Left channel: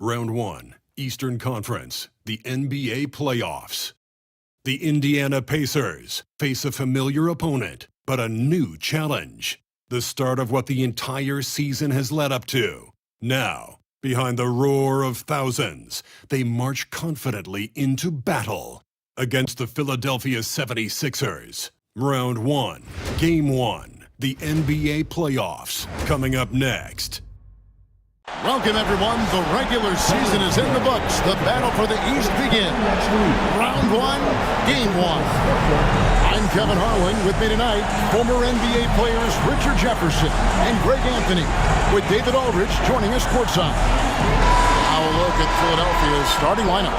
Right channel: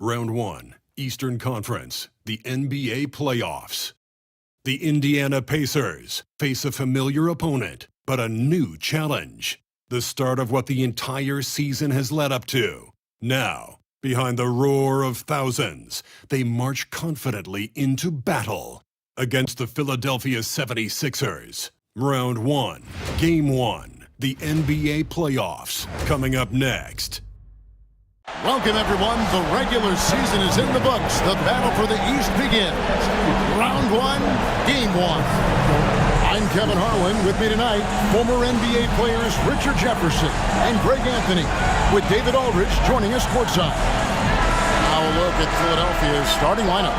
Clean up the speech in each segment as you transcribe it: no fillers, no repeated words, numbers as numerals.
Round 1, Eastern Conference, the NBA Playoffs. The Indiana Pacers face a familiar opponent, but a new challenge. The start of what the entire season has led up to. Now, behind the roar of thousands, they march confidently into battle against the Philadelphia 76ers. Round 1, Game 1, the NBA Playoffs, coming up next. Welcome, everyone. The regular season is in the books. The battle for the East begins. Round 1, Game 1. I'm Kevin Harlan. With me tonight, former NBA players Richard Jefferson and Greg Anthony, with David Aldridge joining us courtside. Now a look at Philadelphia's starting lineup.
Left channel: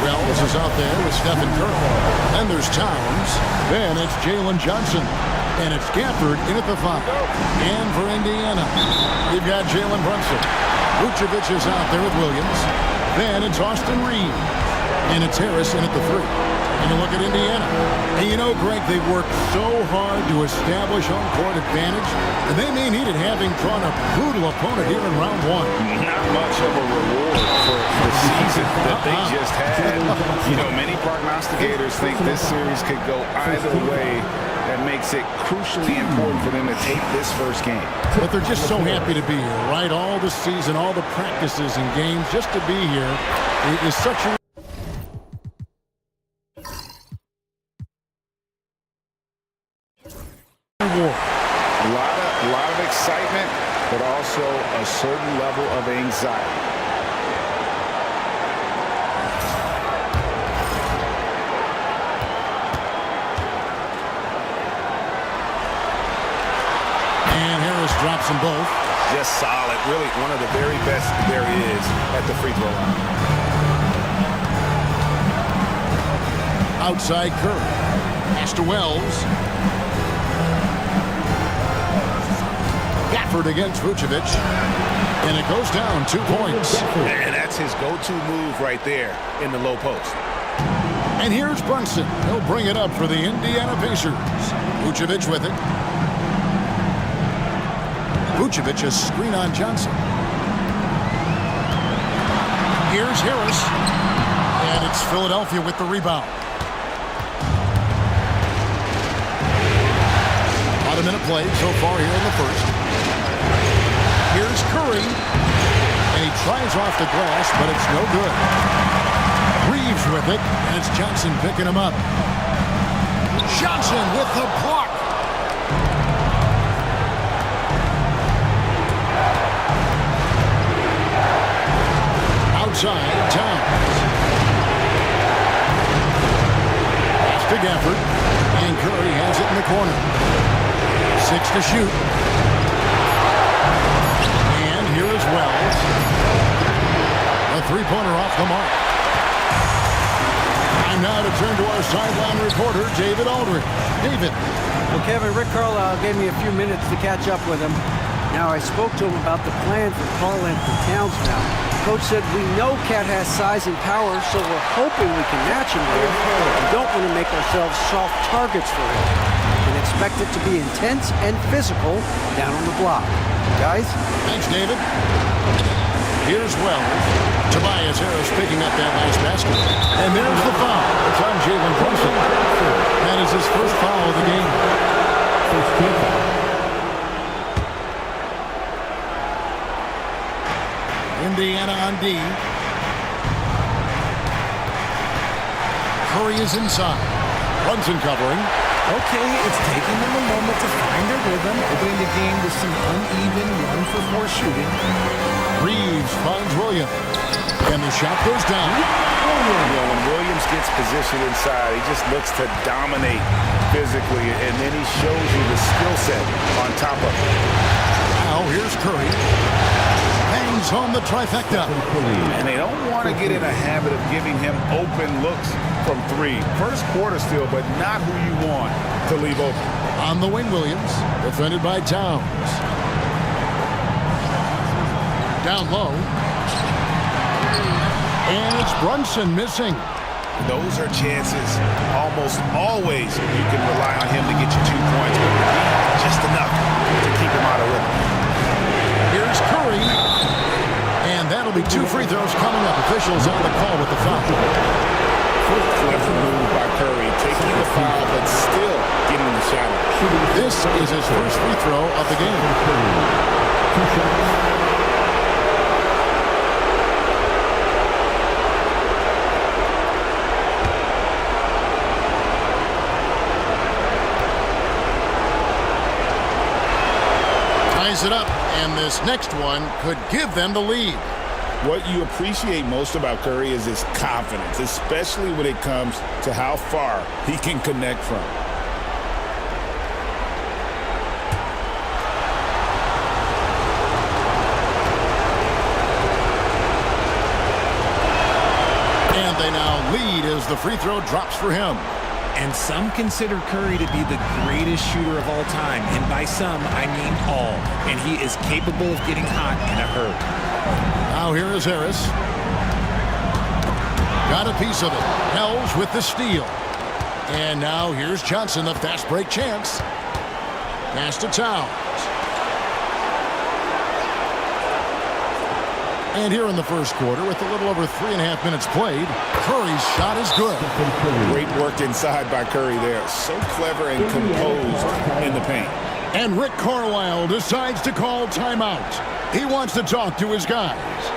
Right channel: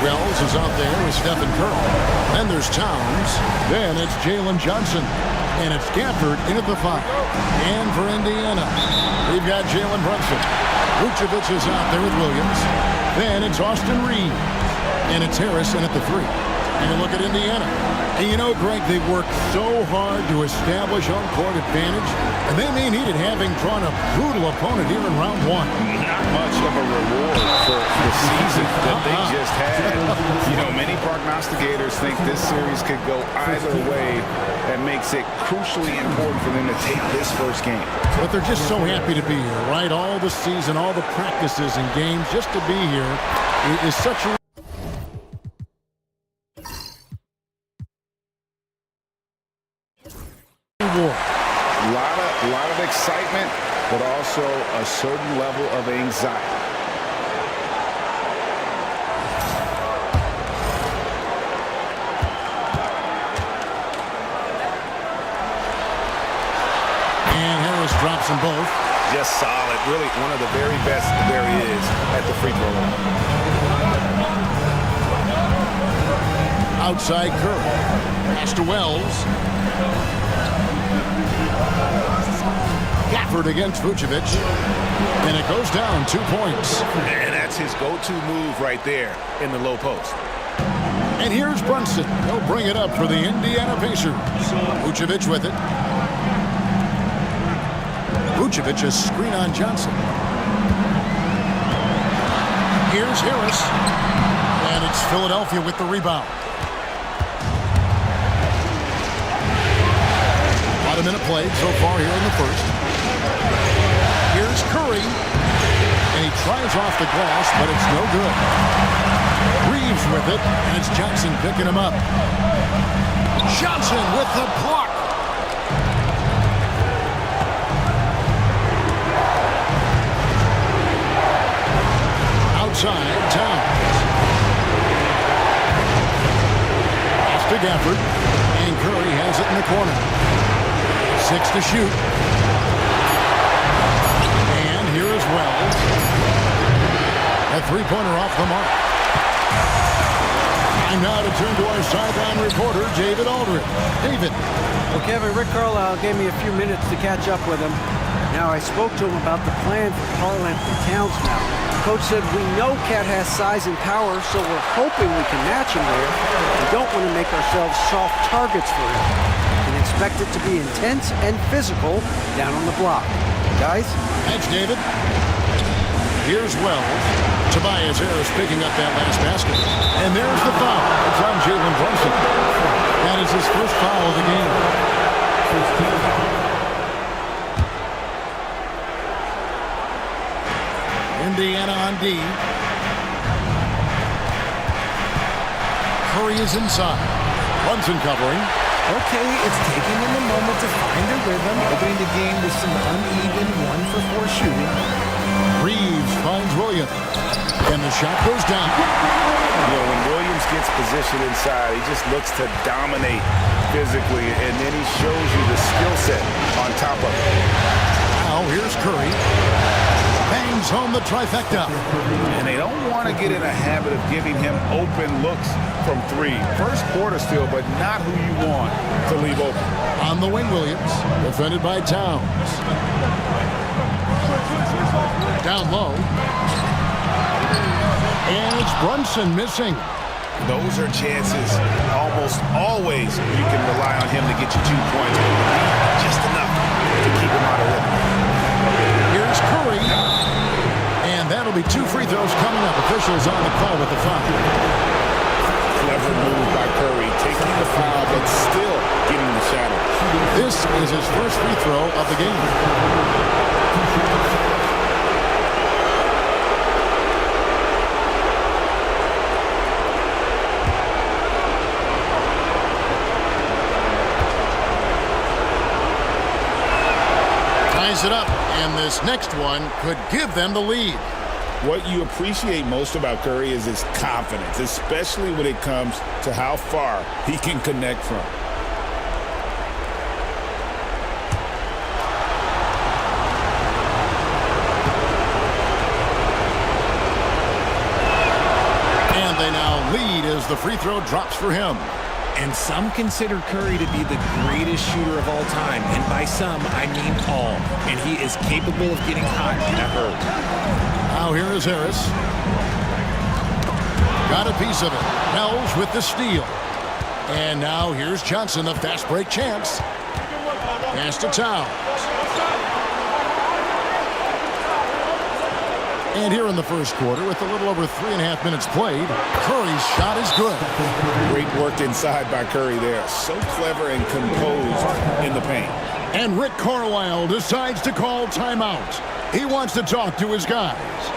Wells is out there with Stephen Curry. Then there's Towns. Then it's Jalen Johnson. And it's Gafford in at the 5. And for Indiana, we've got Jalen Brunson. Vucevic is out there with Williams. Then it's Austin Reeves. And it's Harris in at the 3. And you look at Indiana. And you know, Greg, they worked so hard to establish home-court advantage. And they may need it, having drawn a brutal opponent here in round 1. Not much of a reward for the season that they just had. You know, many prognosticators think this series could go either way. That makes it crucially important for them to take this first game. But they're just so happy to be here, right? All the season, all the practices and games, just to be here is such a reward. A lot of excitement, but also a certain level of anxiety. And Harris drops them both. Just solid. Really one of the very best there is at the free throw line. Outside Curry. Pass to Wells. Gafford against Vucevic. And it goes down 2 points. And that's his go-to move right there in the low post. And here's Brunson. He'll bring it up for the Indiana Pacers. Vucevic with it. Vucevic a screen on Johnson. Here's Harris. And it's Philadelphia with the rebound. About a minute played so far here in the first. Here's Curry. And he tries off the glass, but it's no good. Reeves with it, and it's Johnson picking him up. Johnson with the block. Outside, Towns. Pass to Gafford. And Curry has it in the corner. 6 to shoot. And here is Wells. A three-pointer off the mark. Time now to turn to our sideline reporter, David Aldridge. David. Well, Kevin, Rick Carlisle gave me a few minutes to catch up with him. Now, I spoke to him about the plan for Karl-Anthony Towns now. Coach said, we know Cat has size and power, so we're hoping we can match him there. We don't want to make ourselves soft targets for him. We can expect it to be intense and physical down on the block. Guys? Thanks, David. Here's Wells. Tobias Harris picking up that last basket. And there's the foul. It's on Jalen Brunson. That is his first foul of the game. Indiana on D. Curry is inside. Brunson covering. Okay, it's taking them a moment to find their rhythm, opening the game with some uneven 1-for-4 shooting. Reeves finds Williams. And the shot goes down. You know, when Williams gets positioned inside, he just looks to dominate physically, and then he shows you the skill set on top of it. Now here's Curry. Bangs home the trifecta. And they don't want to get in a habit of giving him open looks from 3. First quarter still, but not who you want to leave open. On the wing, Williams. Defended by Towns. Down low. And it's Brunson missing. Those are chances almost always you can rely on him to get you 2 points, but the D, just enough to keep him out of rhythm. Here's Curry. And that'll be 2 free throws coming up. Officials on the call with the foul. Clever move by Curry, taking the foul, but still getting the shot up. This is his first free throw of the game. Ties it up, and this next one could give them the lead. What you appreciate most about Curry is his confidence, especially when it comes to how far he can connect from. And they now lead as the free throw drops for him. And some consider Curry to be the greatest shooter of all time. And by some, I mean all. And he is capable of getting hot in a hurry. Now here is Harris. Got a piece of it. Wells with the steal. And now here's Johnson, the fast break chance. Pass to Towns. And here in the first quarter, with a little over 3.5 minutes played, Curry's shot is good. Great work inside by Curry there. So clever and composed in the paint. And Rick Carlisle decides to call timeout. He wants to talk to his guys.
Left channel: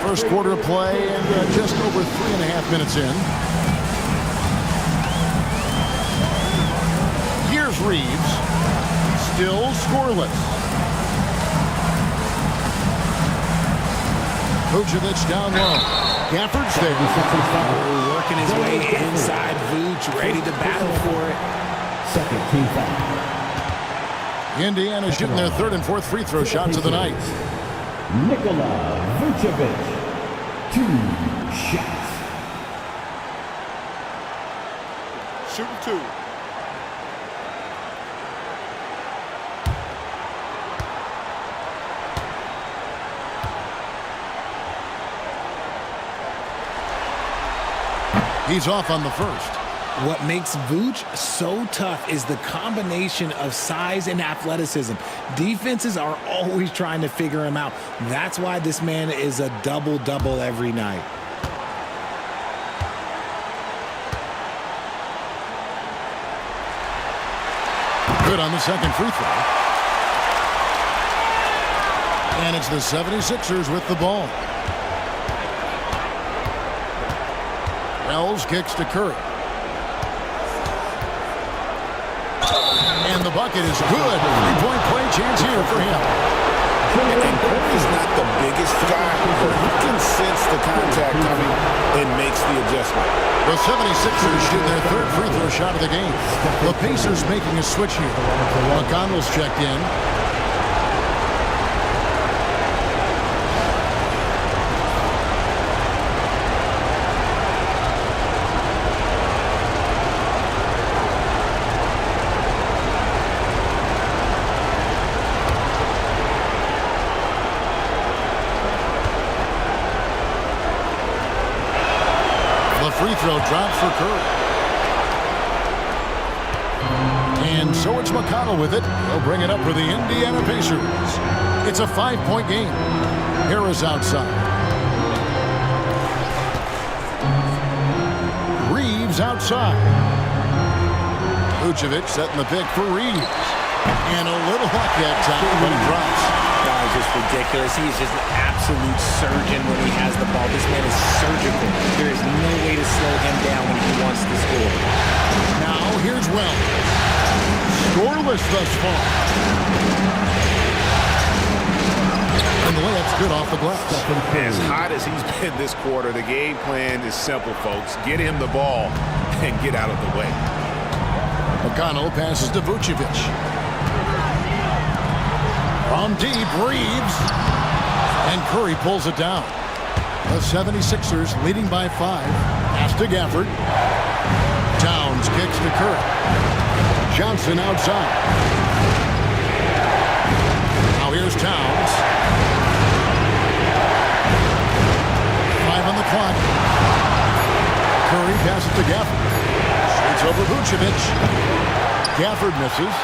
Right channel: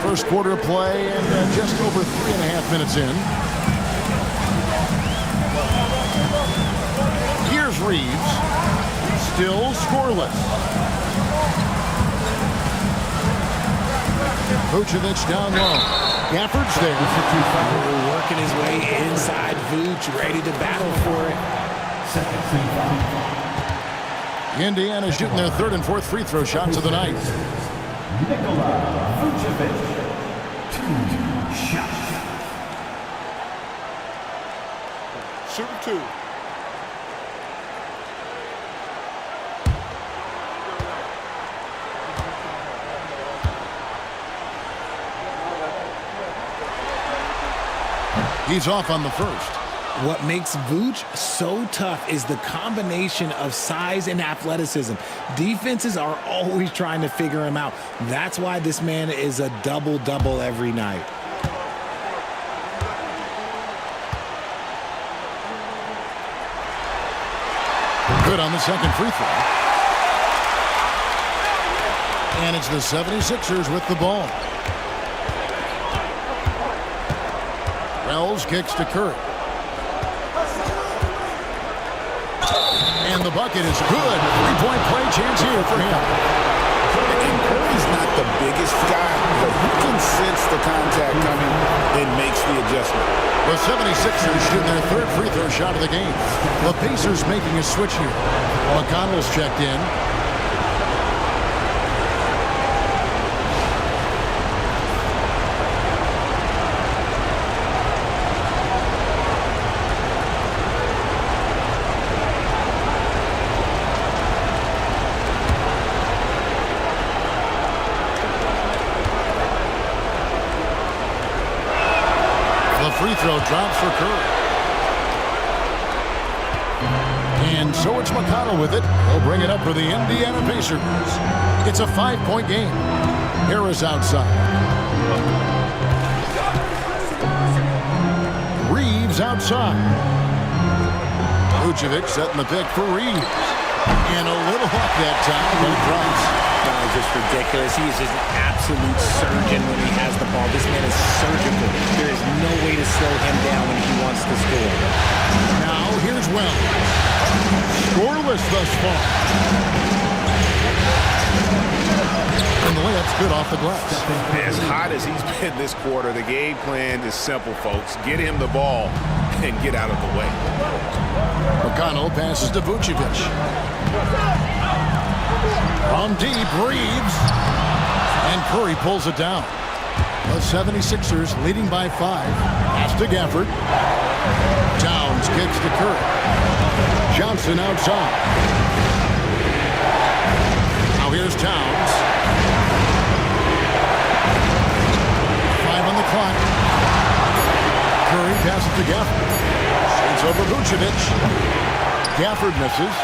First quarter of play and just over 3.5 minutes in. Here's Reeves. Still scoreless. Vucevic down low. Gafford's there. Working his way inside Vooch, ready to battle for it. Second team foul. Indiana shooting their third and fourth free throw shots of the night. Nikola Vucevic. 2 shots. Shooting 2. He's off on the first. What makes Vooch so tough is the combination of size and athleticism. Defenses are always trying to figure him out. That's why this man is a double-double every night. Good on the second free throw. And it's the 76ers with the ball. Wells kicks to Curry. And the bucket is good. Three-point play chance here for him. And Curry's not the biggest guy, but he can sense the contact coming and makes the adjustment. The 76ers shooting their third free throw shot of the game. The Pacers making a switch here. McConnell's checked in. The free throw drops for Curry. And so it's McConnell with it. He'll bring it up for the Indiana Pacers. It's a 5-point game. Harris outside. Reeves outside. Vucevic setting the pick for Reeves. And a little luck that time, but it drops. That is just ridiculous. He is just an absolute surgeon when he has the ball. This man is surgical. There is no way to slow him down when he wants to score. Now here's Wells. Scoreless thus far. And the layup's good off the glass. As hot as he's been this quarter, the game plan is simple, folks. Get him the ball and get out of the way. McConnell passes to Vucevic. From deep, Reeves. And Curry pulls it down. The 76ers leading by 5. Pass to Gafford. Towns kicks to Curry. Johnson outside. Now here's Towns. 5 on the clock. Curry passes to Gafford. Shoots over Vucevic. Gafford misses.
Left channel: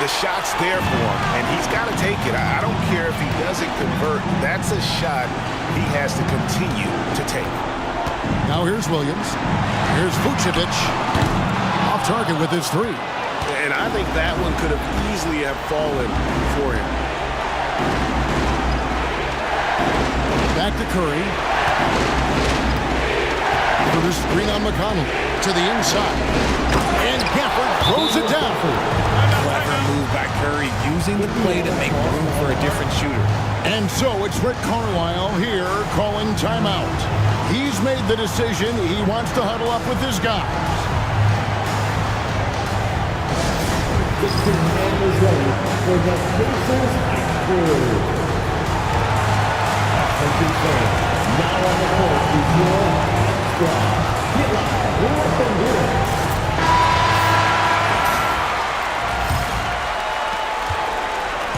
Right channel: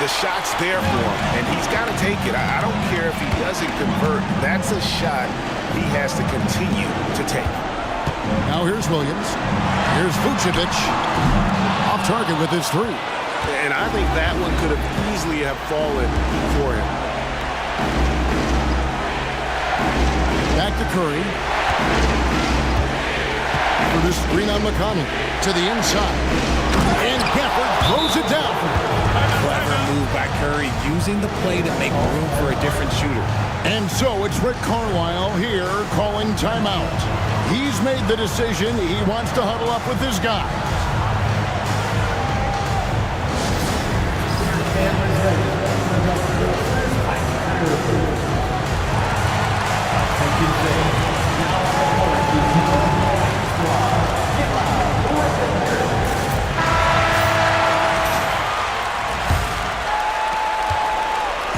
The shot's there for him, and he's got to take it. I don't care if he doesn't convert. That's a shot he has to continue to take. Now here's Williams. Here's Vucevic. Off target with his 3. And I think that one could have easily have fallen for him. Back to Curry. For the screen on McConnell. To the inside. And Gafford throws it down. Clever move by Curry, using the play to make room for a different shooter. And so it's Rick Carlisle here calling timeout. He's made the decision. He wants to huddle up with his guys. Mr. Man is ready for the Pacers high school. Attention fans, now on the court is your squad. Get live, let them hear it.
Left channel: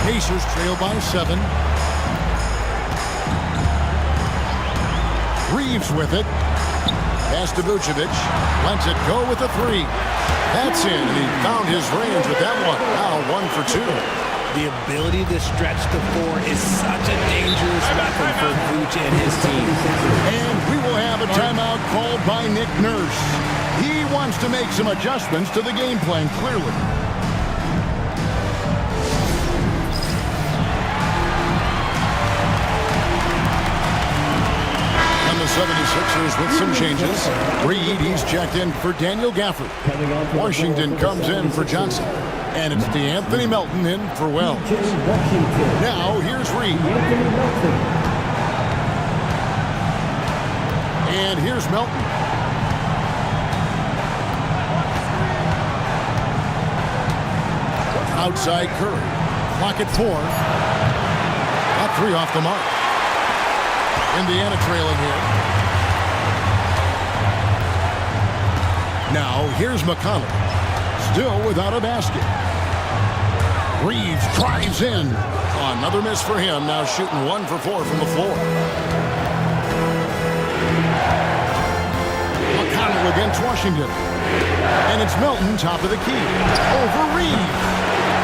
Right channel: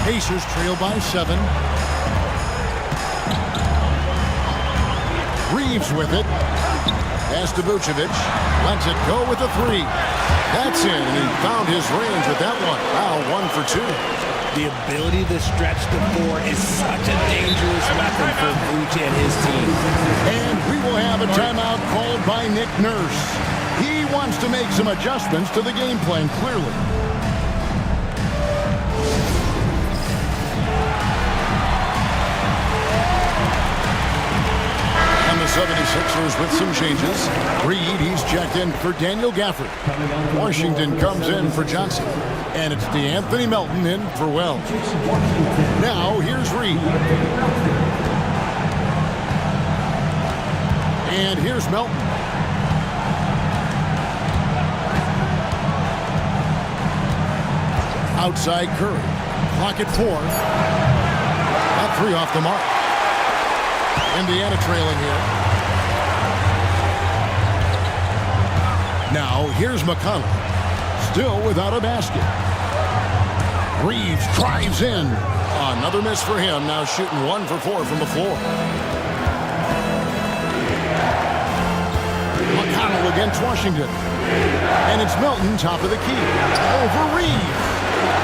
Pacers trail by 7. Reeves with it. Pass to Vucevic. Lets it go with a 3. That's in, and he found his range with that one. Now 1 for 2. The ability to stretch the 4 is such a dangerous weapon for Vooch and his team. And we will have a timeout called by Nick Nurse. He wants to make some adjustments to the game plan, clearly. And the 76ers with some changes. Reed, he's checked in for Daniel Gafford. Washington comes in for Johnson. And it's DeAnthony Melton in for Wells. Now, here's Reed. And here's Melton. Outside Curry. Clock at 4. That 3 off the mark. Indiana trailing here. Now, here's McConnell. Still without a basket. Reeves drives in. Another miss for him. Now shooting 1 for 4 from the floor. McConnell against Washington. And it's Melton top of the key. Over Reeves.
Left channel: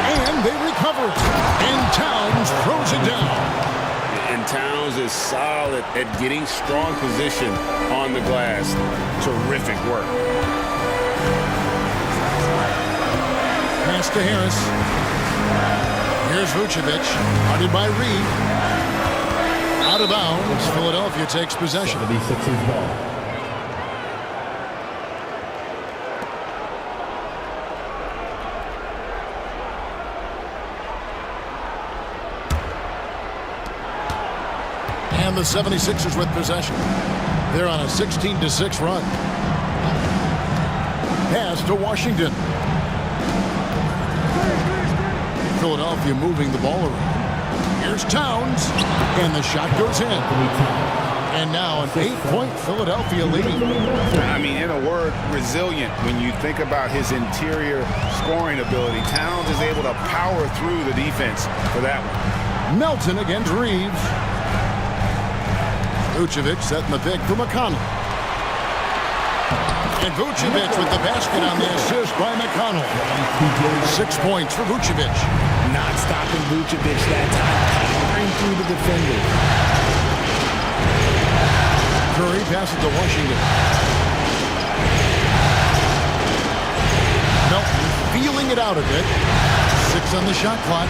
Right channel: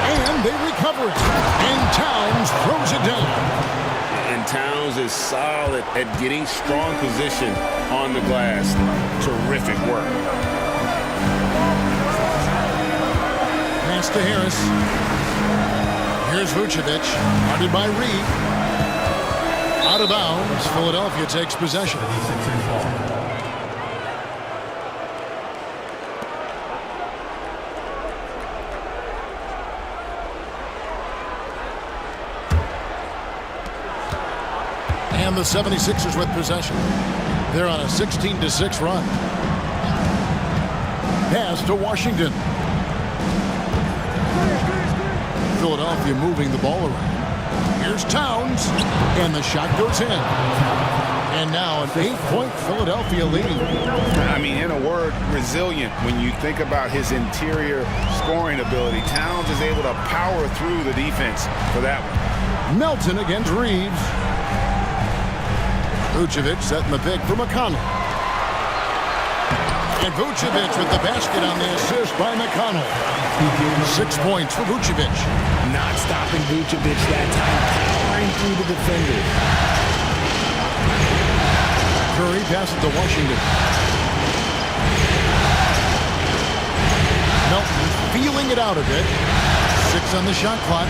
And they recover it. And Towns throws it down. And Towns is solid at getting strong position on the glass. Terrific work. Pass to Harris. Here's Vucevic. Guarded by Reed. Out of bounds. Philadelphia takes possession. 76ers ball. And the 76ers with possession. They're on a 16-6 run. Pass to Washington. Philadelphia moving the ball around. Here's Towns. And the shot goes in. And now an 8-point Philadelphia lead. I mean, in a word, resilient. When you think about his interior scoring ability, Towns is able to power through the defense for that one. Melton against Reeves. Vucevic setting the pick for McConnell. And Vucevic with the basket on the assist by McConnell. 6 points for Vucevic. Not stopping Vucevic that time, powering through the defender. Curry passes to Washington. Melton feeling it out a bit. 6 on the shot clock.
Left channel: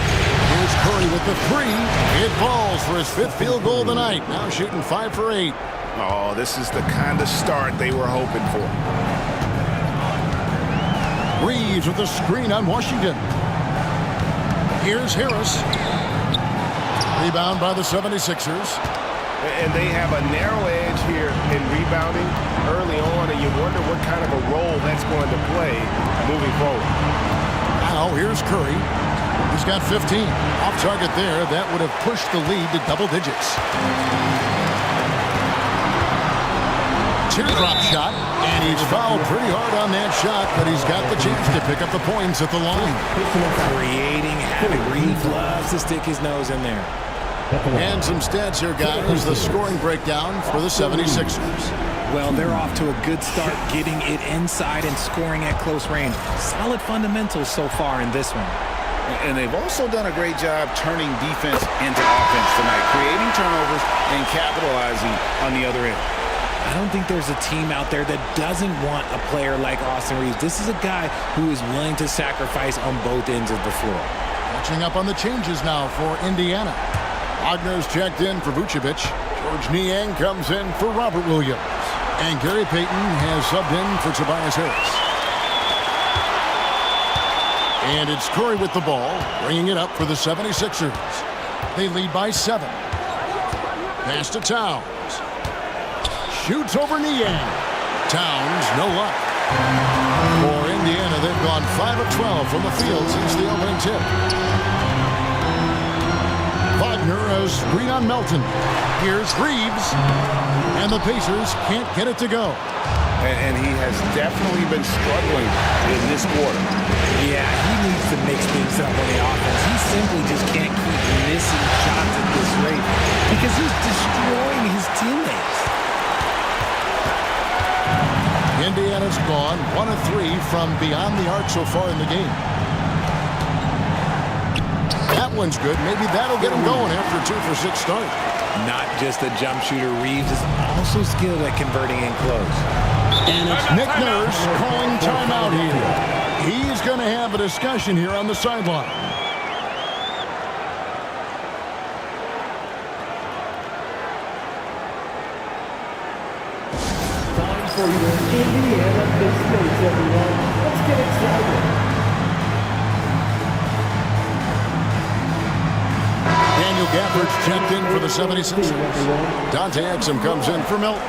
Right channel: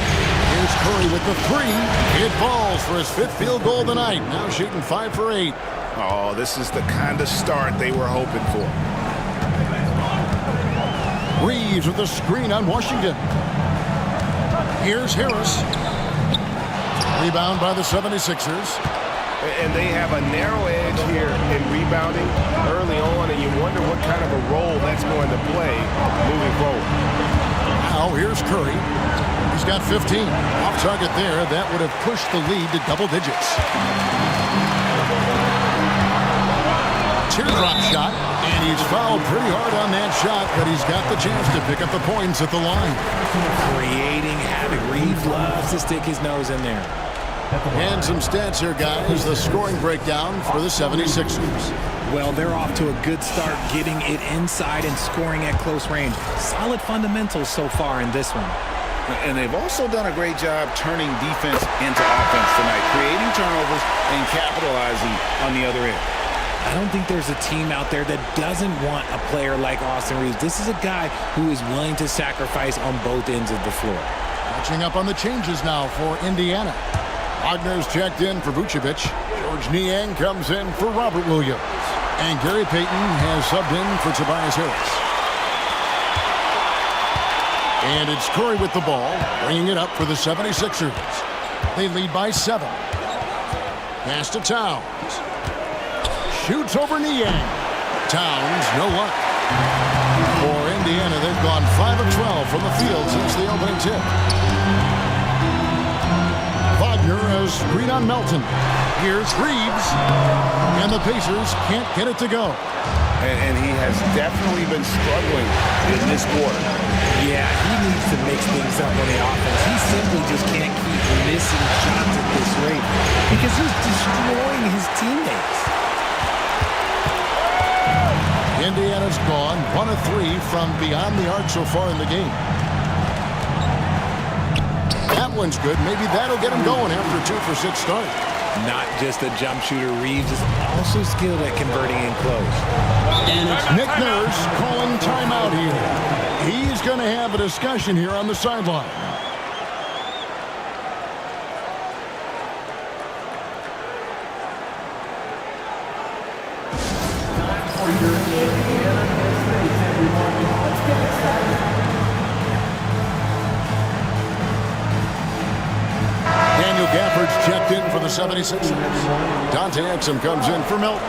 Here's Curry with the three. It falls for his 5th field goal of the night. Now shooting 5 for 8. Oh, this is the kind of start they were hoping for. Reeves with the screen on Washington. Here's Harris. Rebound by the 76ers. And they have a narrow edge here in rebounding early on, and you wonder what kind of a role that's going to play moving forward. Now here's Curry. He's got 15. Off target there. That would have pushed the lead to double digits. Teardrop shot, and he's fouled pretty hard on that shot, but he's got the chance to pick up the points at the line. Creating havoc. Reeves loves to stick his nose in there. And some stats here, guys. The scoring breakdown for the 76ers. Well, they're off to a good start getting it inside and scoring at close range. Solid fundamentals so far in this one. And they've also done a great job turning defense into offense tonight, creating turnovers and capitalizing on the other end. I don't think there's a team out there that doesn't want a player like Austin Reeves. This is a guy who is willing to sacrifice on both ends of the floor. Catching up on the changes now for Indiana. Wagner's checked in for Vucevic. George Niang comes in for Robert Williams. And Gary Payton has subbed in for Tobias Harris. And it's Curry with the ball, bringing it up for the 76ers. They lead by 7. Pass to Towns. Shoots over Niang. Towns, no luck. For Indiana, they've gone 5 of 12 from the field since the opening tip. Wagner has screen on Melton. Here's Reeves. And the Pacers can't get it to go. And he has definitely been struggling in this quarter. Yeah, he needs to mix things up on the offense. He simply just can't keep missing shots at this rate because he's destroying his teammates. Indiana's gone 1 of 3 from beyond the arc so far in the game. That one's good. Maybe that'll get him going after a 2 for 6 start. Not just a jump shooter, Reeves is also skilled at converting in close. And it's Nick Nurse calling timeout here. He's going to have a discussion here on the sideline. Time for your Indiana Mistakes, everyone. Let's get excited. Daniel Gafford's checked in for the 76ers. Dante Exum comes in for Milton.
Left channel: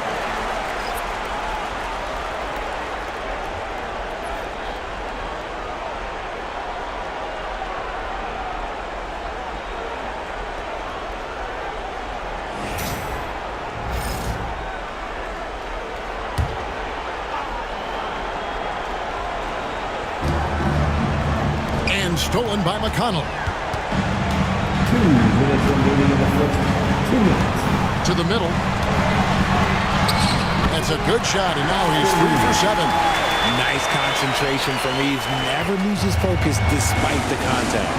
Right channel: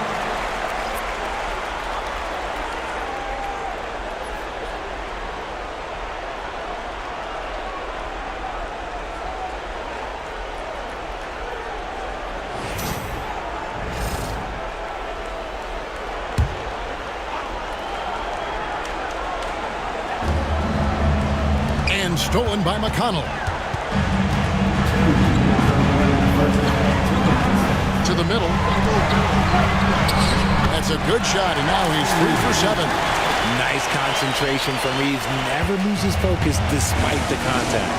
And stolen by McConnell. To the middle. That's a good shot, and now he's 3 for 7. Nice concentration from Reeves. Never loses focus despite the contact.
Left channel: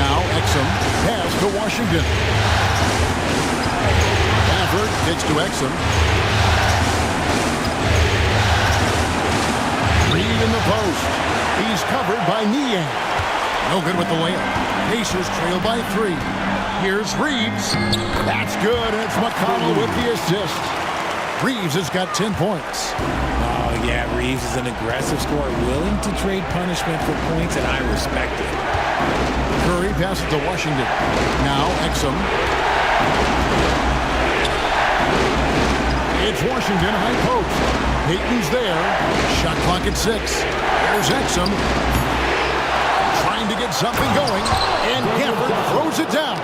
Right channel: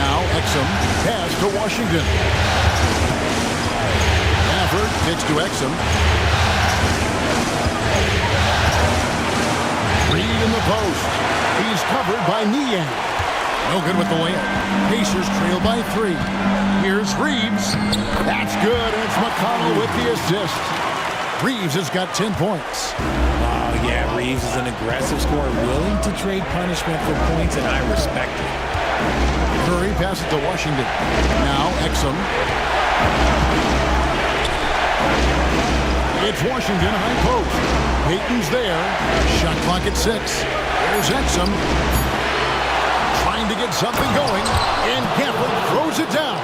Now Exum pass to Washington. Gafford kicks to Exum. Reed in the post. He's covered by Niang. No good with the layup. Pacers trail by 3. Here's Reeves. That's good, and it's McConnell with the assist. Reeves has got 10 points. Oh, yeah, Reeves is an aggressive scorer, willing to trade punishment for points, and I respect it. Curry passes to Washington. Now Exum. It's Washington high post. Payton's there. Shot clock at 6. There's Exum. Trying to get something going, and Gafford throws it down.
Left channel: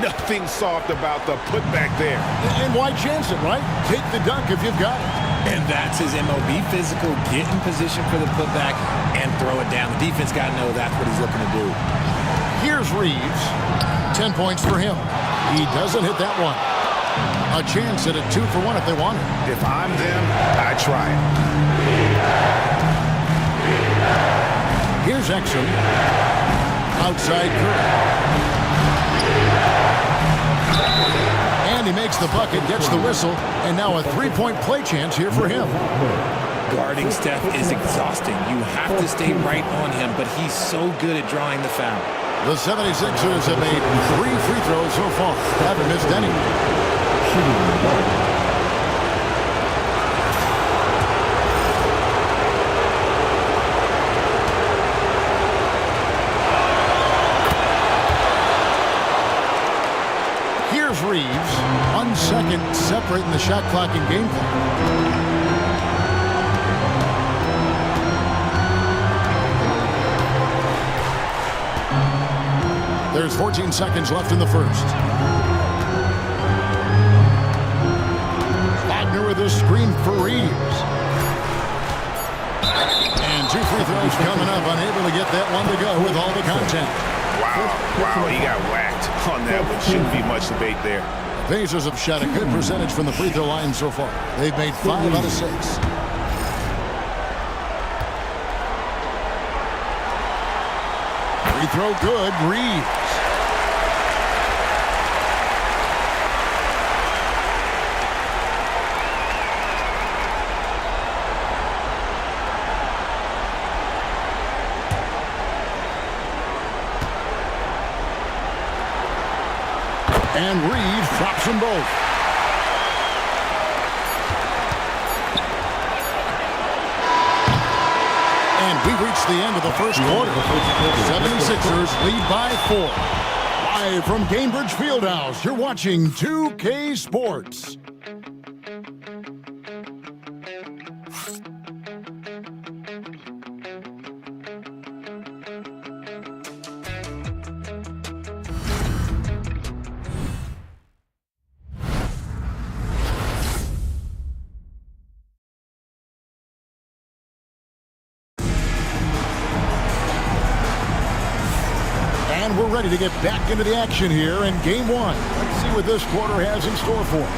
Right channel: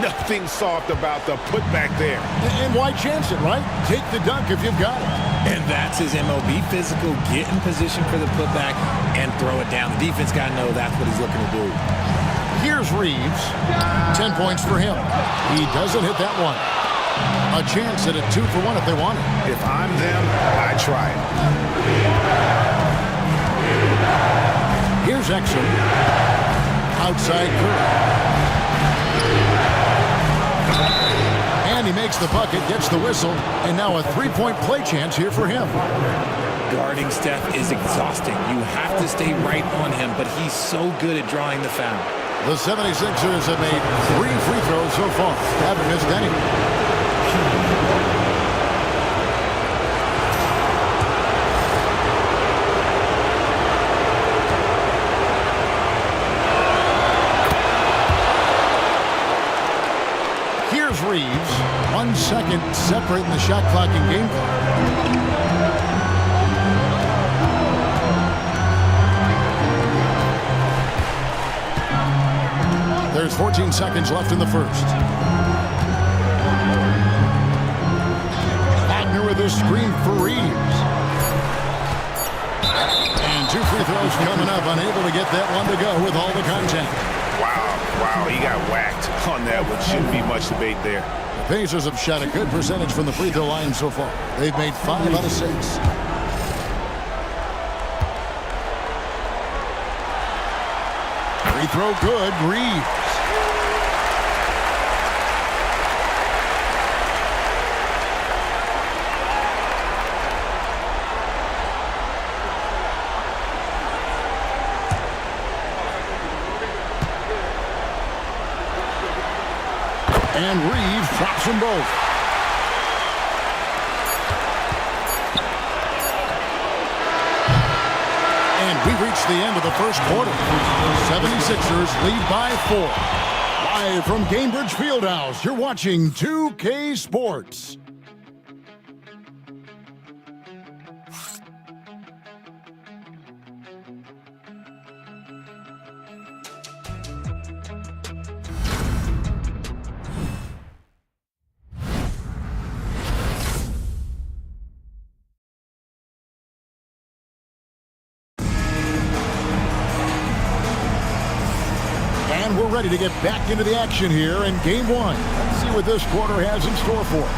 Nothing soft about the putback there. And why chance it, right? Take the dunk if you've got it. And that's his MO. Be physical, get in position for the putback, and throw it down. The defense got to know that's what he's looking to do. Here's Reeves. 10 points for him. He doesn't hit that one. A chance at a 2 for 1 if they want it. If I'm them, I try it. Here's Exum. Outside Curry. And he makes the bucket, gets the whistle, and now a 3-point play chance here for him. Guarding Steph is exhausting. You have to stay right on him, but he's so good at drawing the foul. The 76ers have made 3 free throws so far. Haven't missed any. Here's Reeves. 1 second separating the shot clock and game clock. There's 14 seconds left in the first. Wagner with a screen for Reeves. And 2 free throws coming up. Unable to get that one to go with all the contact. Wow, he got whacked on that one. Shouldn't be much debate there. The Pacers have shot a good percentage from the free throw line so far. They've made 5 out of 6. Free throw good, Reeves. And Reeves drops them both. And we reach the end of the first quarter. 76ers lead by 4. Live from Gainbridge Fieldhouse, you're watching 2K Sports. And we're ready to get back into the action here in Game 1. Let's see what this quarter has in store for us.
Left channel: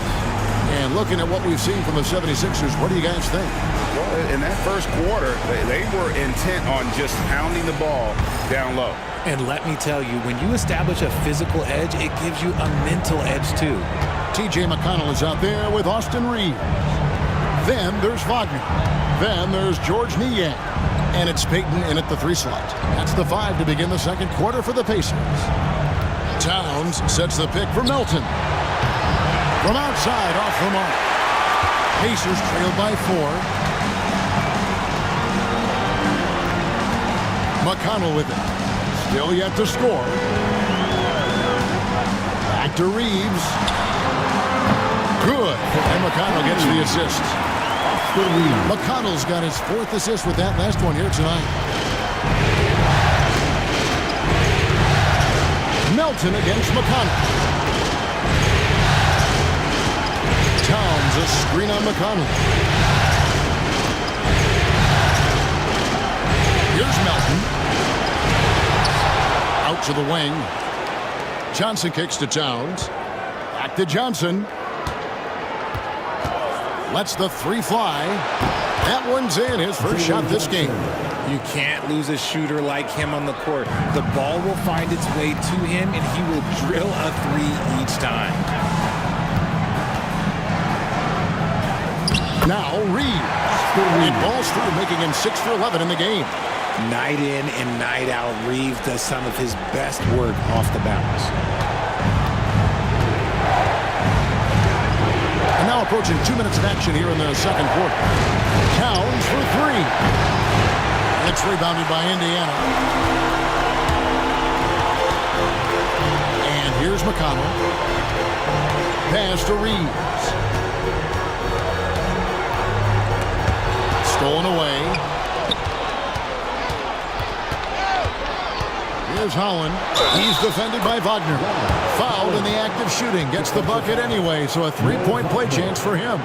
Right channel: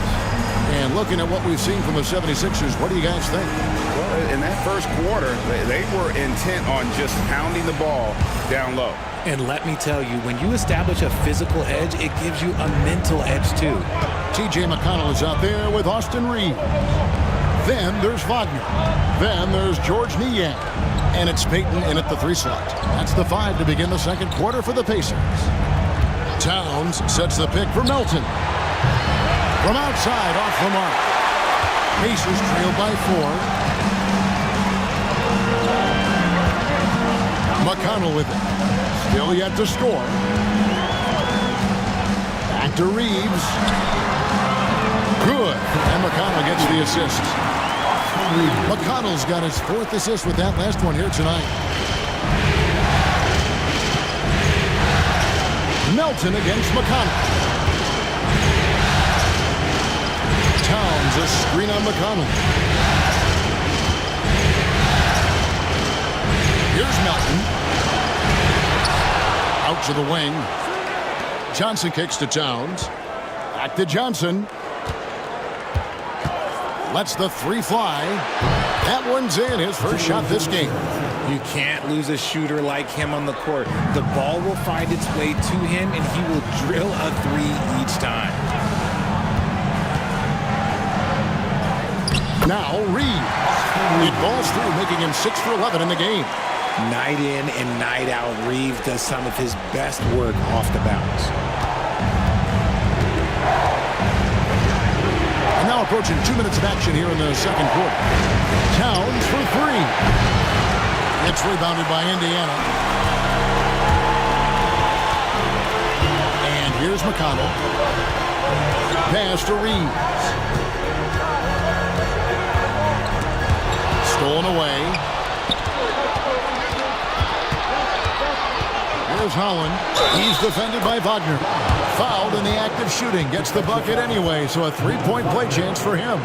And looking at what we've seen from the 76ers, what do you guys think? Well, in that first quarter, they were intent on just pounding the ball down low. And let me tell you, when you establish a physical edge, it gives you a mental edge too. T.J. McConnell is out there with Austin Reeves. Then there's Wagner. Then there's George Niang. And it's Payton in at the 3 slot. That's the 5 to begin the second quarter for the Pacers. Towns sets the pick for Melton. From outside, off the mark. Pacers trail by 4. McConnell with it. Still yet to score. Back to Reeves. Good. And McConnell gets the assist. McConnell's got his 4th assist with that last one here tonight. Melton against McConnell. Towns a screen on McConnell. Here's Melton. Out to the wing. Johnson kicks to Towns. Back to Johnson. Lets the 3 fly. That one's in, his first shot this game. You can't lose a shooter like him on the court. The ball will find its way to him, and he will drill a 3 each time. Now Reeves. It balls through, making him 6 for 11 in the game. Night in and night out, Reeves does some of his best work off the bounce. And now approaching 2 minutes of action here in the second quarter. Towns for 3. It's rebounded by Indiana. And here's McConnell. Pass to Reeves. Stolen away. Here's Holland. He's defended by Wagner. Fouled in the act of shooting. Gets the bucket anyway, so a 3-point play chance for him.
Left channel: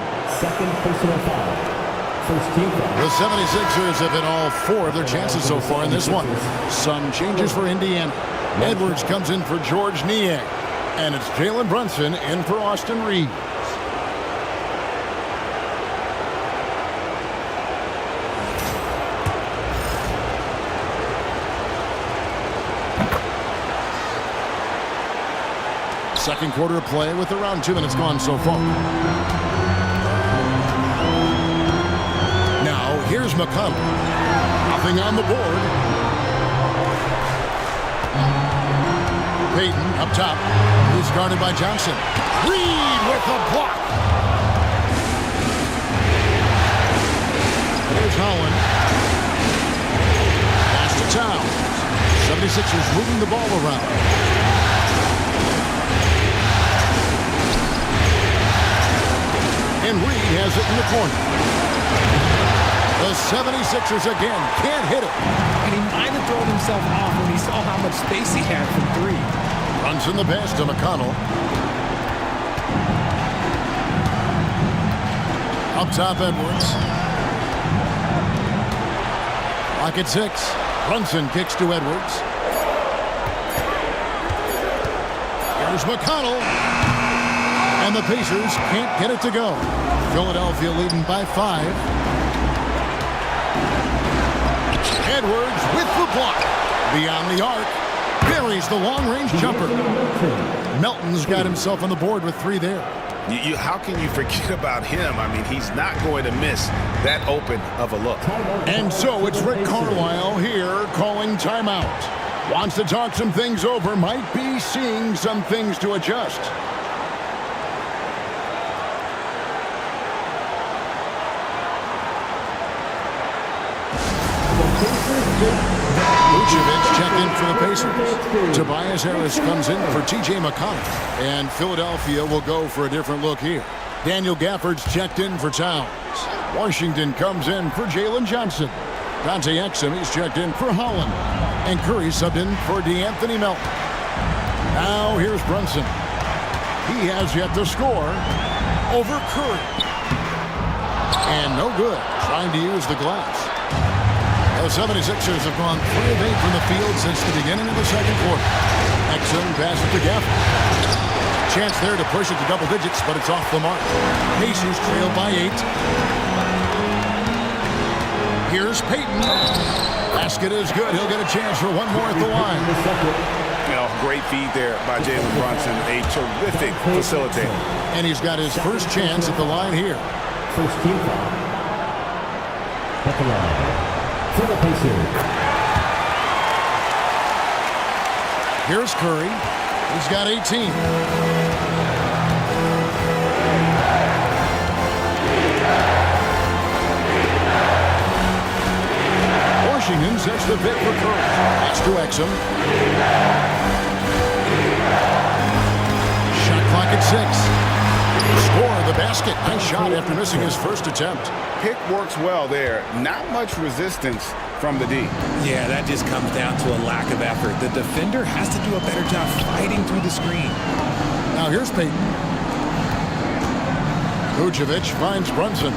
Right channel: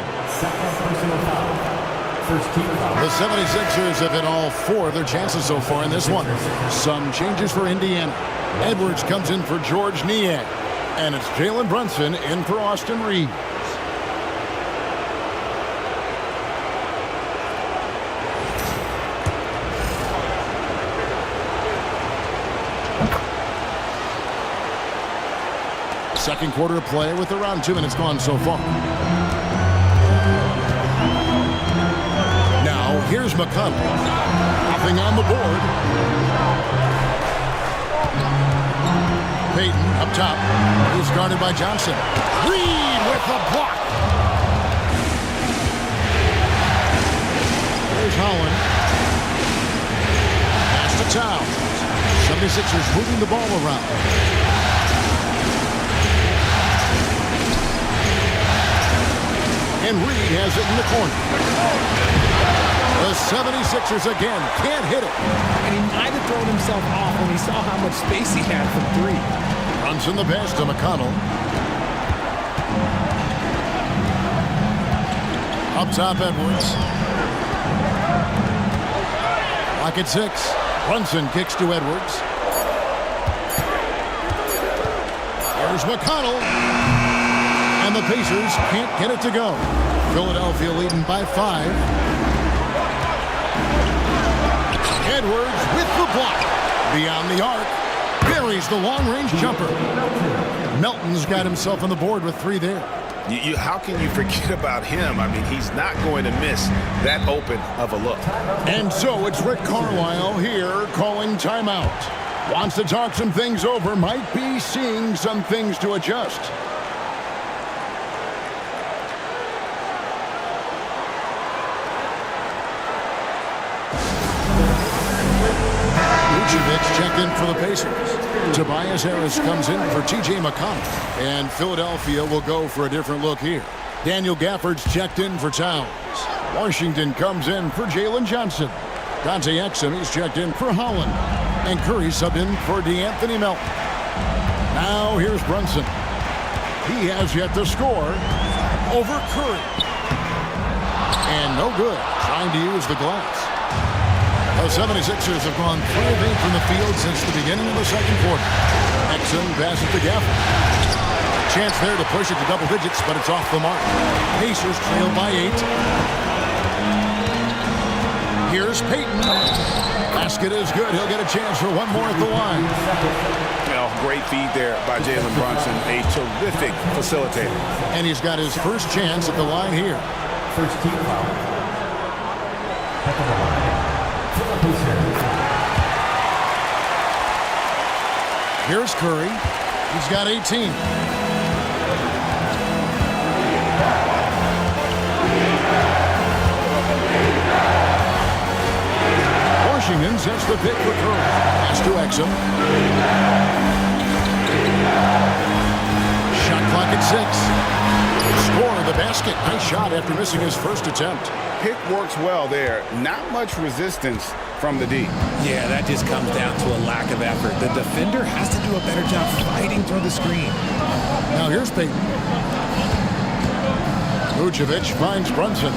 The 76ers have hit all 4 of their chances so far in this one. Some changes for Indiana. Edwards comes in for George Niang. And it's Jalen Brunson in for Austin Reeves. Second quarter of play with around 2 minutes gone so far. Now, here's McConnell. Nothing on the board. Payton up top. He's guarded by Johnson. Reed with the block. There's Holland. Pass to Towns. 76ers moving the ball around. And Reed has it in the corner. The 76ers again can't hit it. And he might have thrown himself off when he saw how much space he had from three. Runs in the pass to McConnell. Up top, Edwards. Clock at 6. Brunson kicks to Edwards. Here's McConnell. And the Pacers can't get it to go. Philadelphia leading by 5. Edwards with the block. Beyond the arc. Buries the long-range jumper. Melton's got himself on the board with 3 there. How can you forget about him? I mean, he's not going to miss that open of a look. And so it's Rick Carlisle here calling timeout. Wants to talk some things over. Might be seeing some things to adjust. Vucevic checked in for the Pacers. Tobias Harris comes in for T.J. McConnell. And Philadelphia will go for a different look here. Daniel Gafford's checked in for Towns. Washington comes in for Jalen Johnson. Dante Exum, he's checked in for Holland. And Curry subbed in for DeAnthony Melton. Now here's Brunson. He has yet to score over Curry. And no good, trying to use the glass. The 76ers have gone 3 of 8 from the field since the beginning of the second quarter. Exum passes to Gafford. Chance there to push it to double digits, but it's off the mark. Pacers trail by 8. Here's Payton. Basket is good. He'll get a chance for one more at the line. Great feed there by Jalen Brunson. A terrific facilitator. And he's got his first chance at the line here. First team foul. At the line. For the Pacers. Here's Curry. He's got 18. Washington sets the pick for Curry. Pass to Exum. Shot clock at 6. Score the basket. Nice shot after missing his first attempt. Pick works well there. Not much resistance from the D. Yeah, that just comes down to a lack of effort. The defender has to do a better job fighting through the screen. Now here's Payton. Vucevic finds Brunson.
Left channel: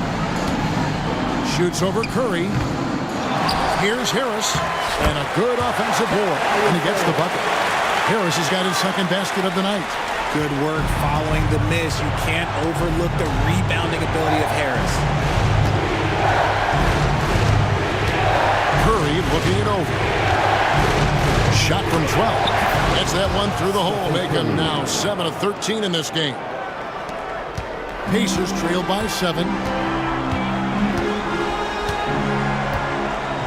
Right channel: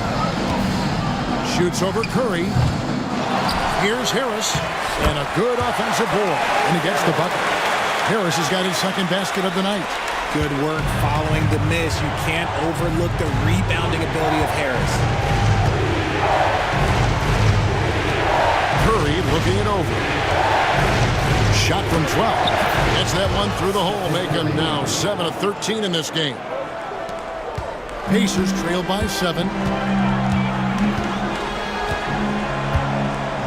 Shoots over Curry. Here's Harris. And a good offensive board. And he gets the bucket. Harris has got his second basket of the night. Good work following the miss. You can't overlook the rebounding ability of Harris. Curry looking it over. Shot from 12. Gets that one through the hole, making now 7 of 13 in this game. Pacers trail by 7.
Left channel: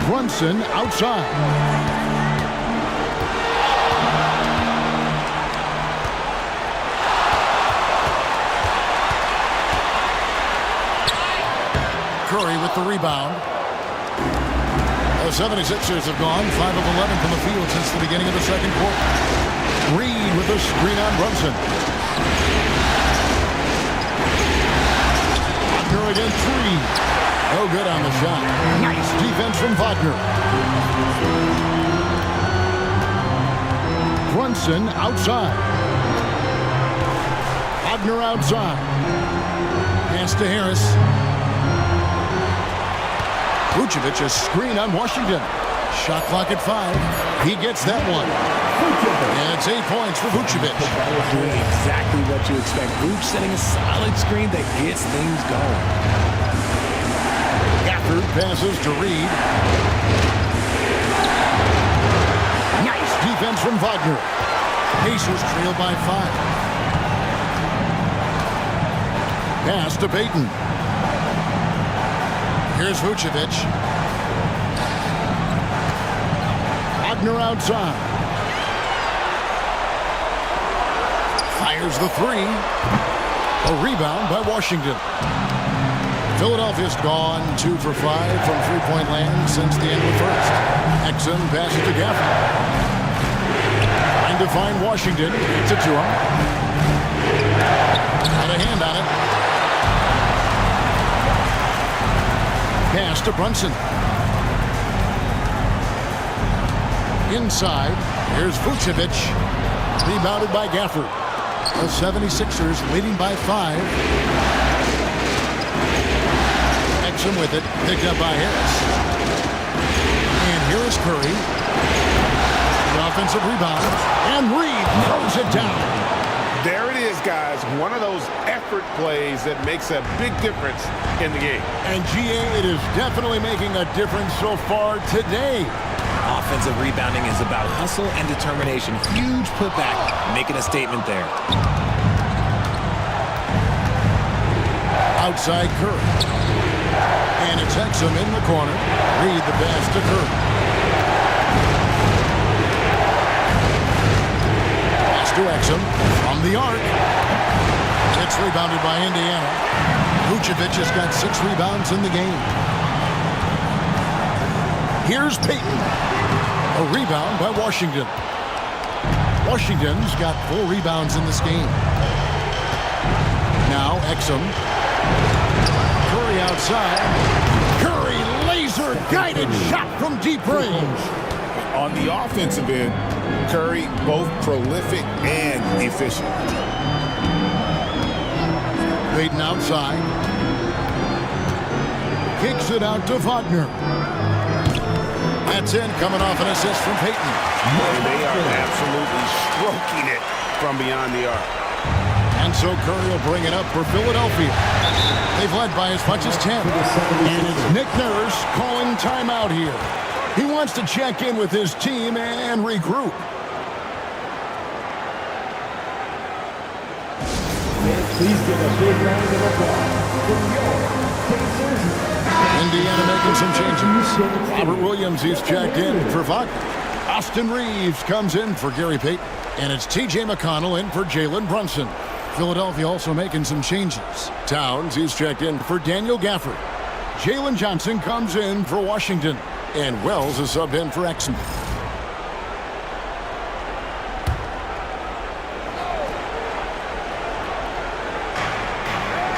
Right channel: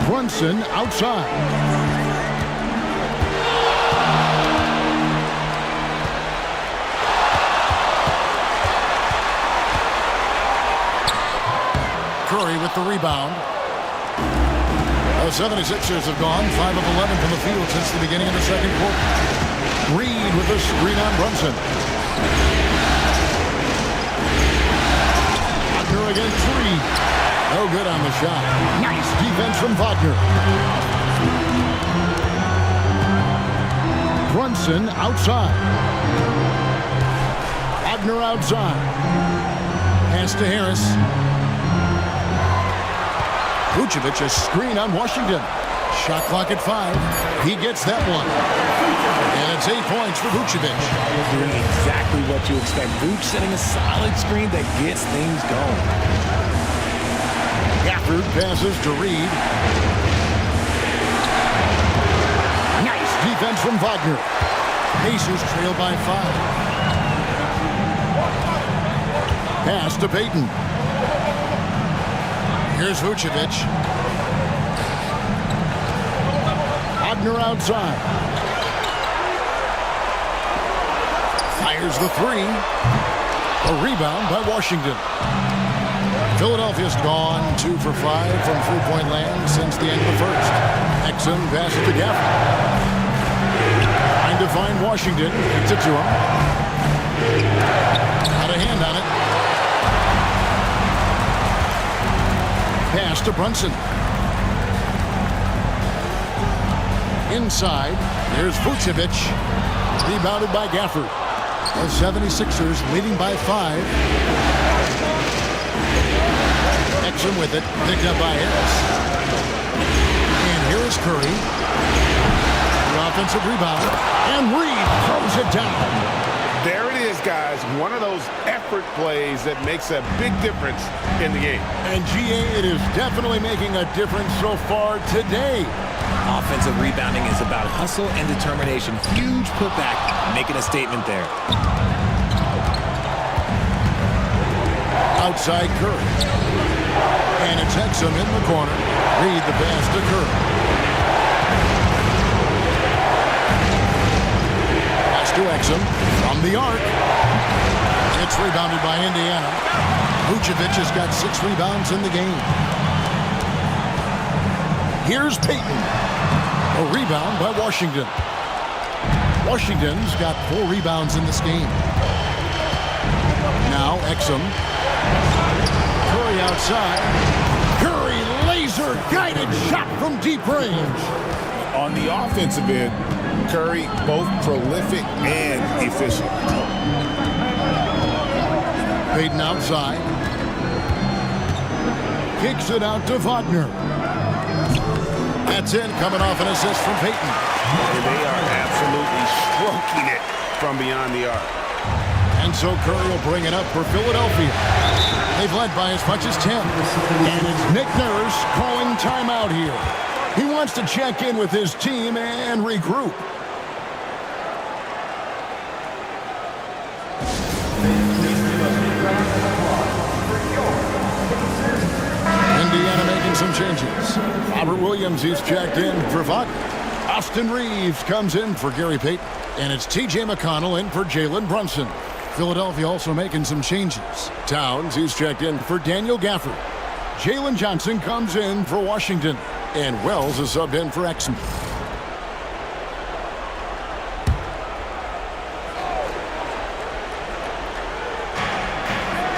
Brunson outside. Curry with the rebound. The 76ers have gone 5 of 11 from the field since the beginning of the second quarter. Reed with the screen on Brunson. Wagner again, 3. No good on the shot. Nice defense from Wagner. Brunson outside. Wagner outside. Pass to Harris. Vucevic a screen on Washington. Shot clock at 5. He gets that one. And it's 8 points for Vucevic. Doing exactly what you expect. Vuce setting a solid screen that gets things going. Gafford passes to Reed. Nice defense from Wagner. Pacers trail by 5. Pass to Payton. Here's Vucevic. Wagner outside. Fires the three. A rebound by Washington. Philadelphia's gone 2 for 5 from three-point land since the end of the first. Exum passes to Gafford. Trying to find Washington. Gets it to him. Got a hand on it. Pass to Brunson. Inside. Here's Vucevic. Rebounded by Gafford. The 76ers leading by 5. Exum with it. Picked up by Harris. And here is Curry. The offensive rebound. And Reed throws it down. There it is, guys. One of those effort plays that makes a big difference in the game. And GA, it is definitely making a difference so far today. Offensive rebounding is about hustle and determination. Huge putback, making a statement there. Outside Curry. And it's Exum in the corner. Reed the pass to Curry. Pass to Exum from the arc. It's rebounded by Indiana. Vucevic has got 6 rebounds in the game. Here's Payton. A rebound by Washington. Washington's got 4 rebounds in this game. Now Exum. Curry outside. Curry laser-guided shot from deep range. On the offensive end, Curry both prolific and efficient. Payton outside. Kicks it out to Wagner. That's in, coming off an assist from Payton. And they are absolutely stroking it from beyond the arc. And so Curry will bring it up for Philadelphia. They've led by as much as 10. And it's Nick Nurse calling timeout here. He wants to check in with his team and regroup. Please give a big round of applause for your Indiana making some changes. Robert Williams, he's checked in for Wagner. Austin Reeves comes in for Gary Payton. And it's T.J. McConnell in for Jalen Brunson. Philadelphia also making some changes. Towns, he's checked in for Daniel Gafford. Jalen Johnson comes in for Washington. And Wells is subbed in for Exum.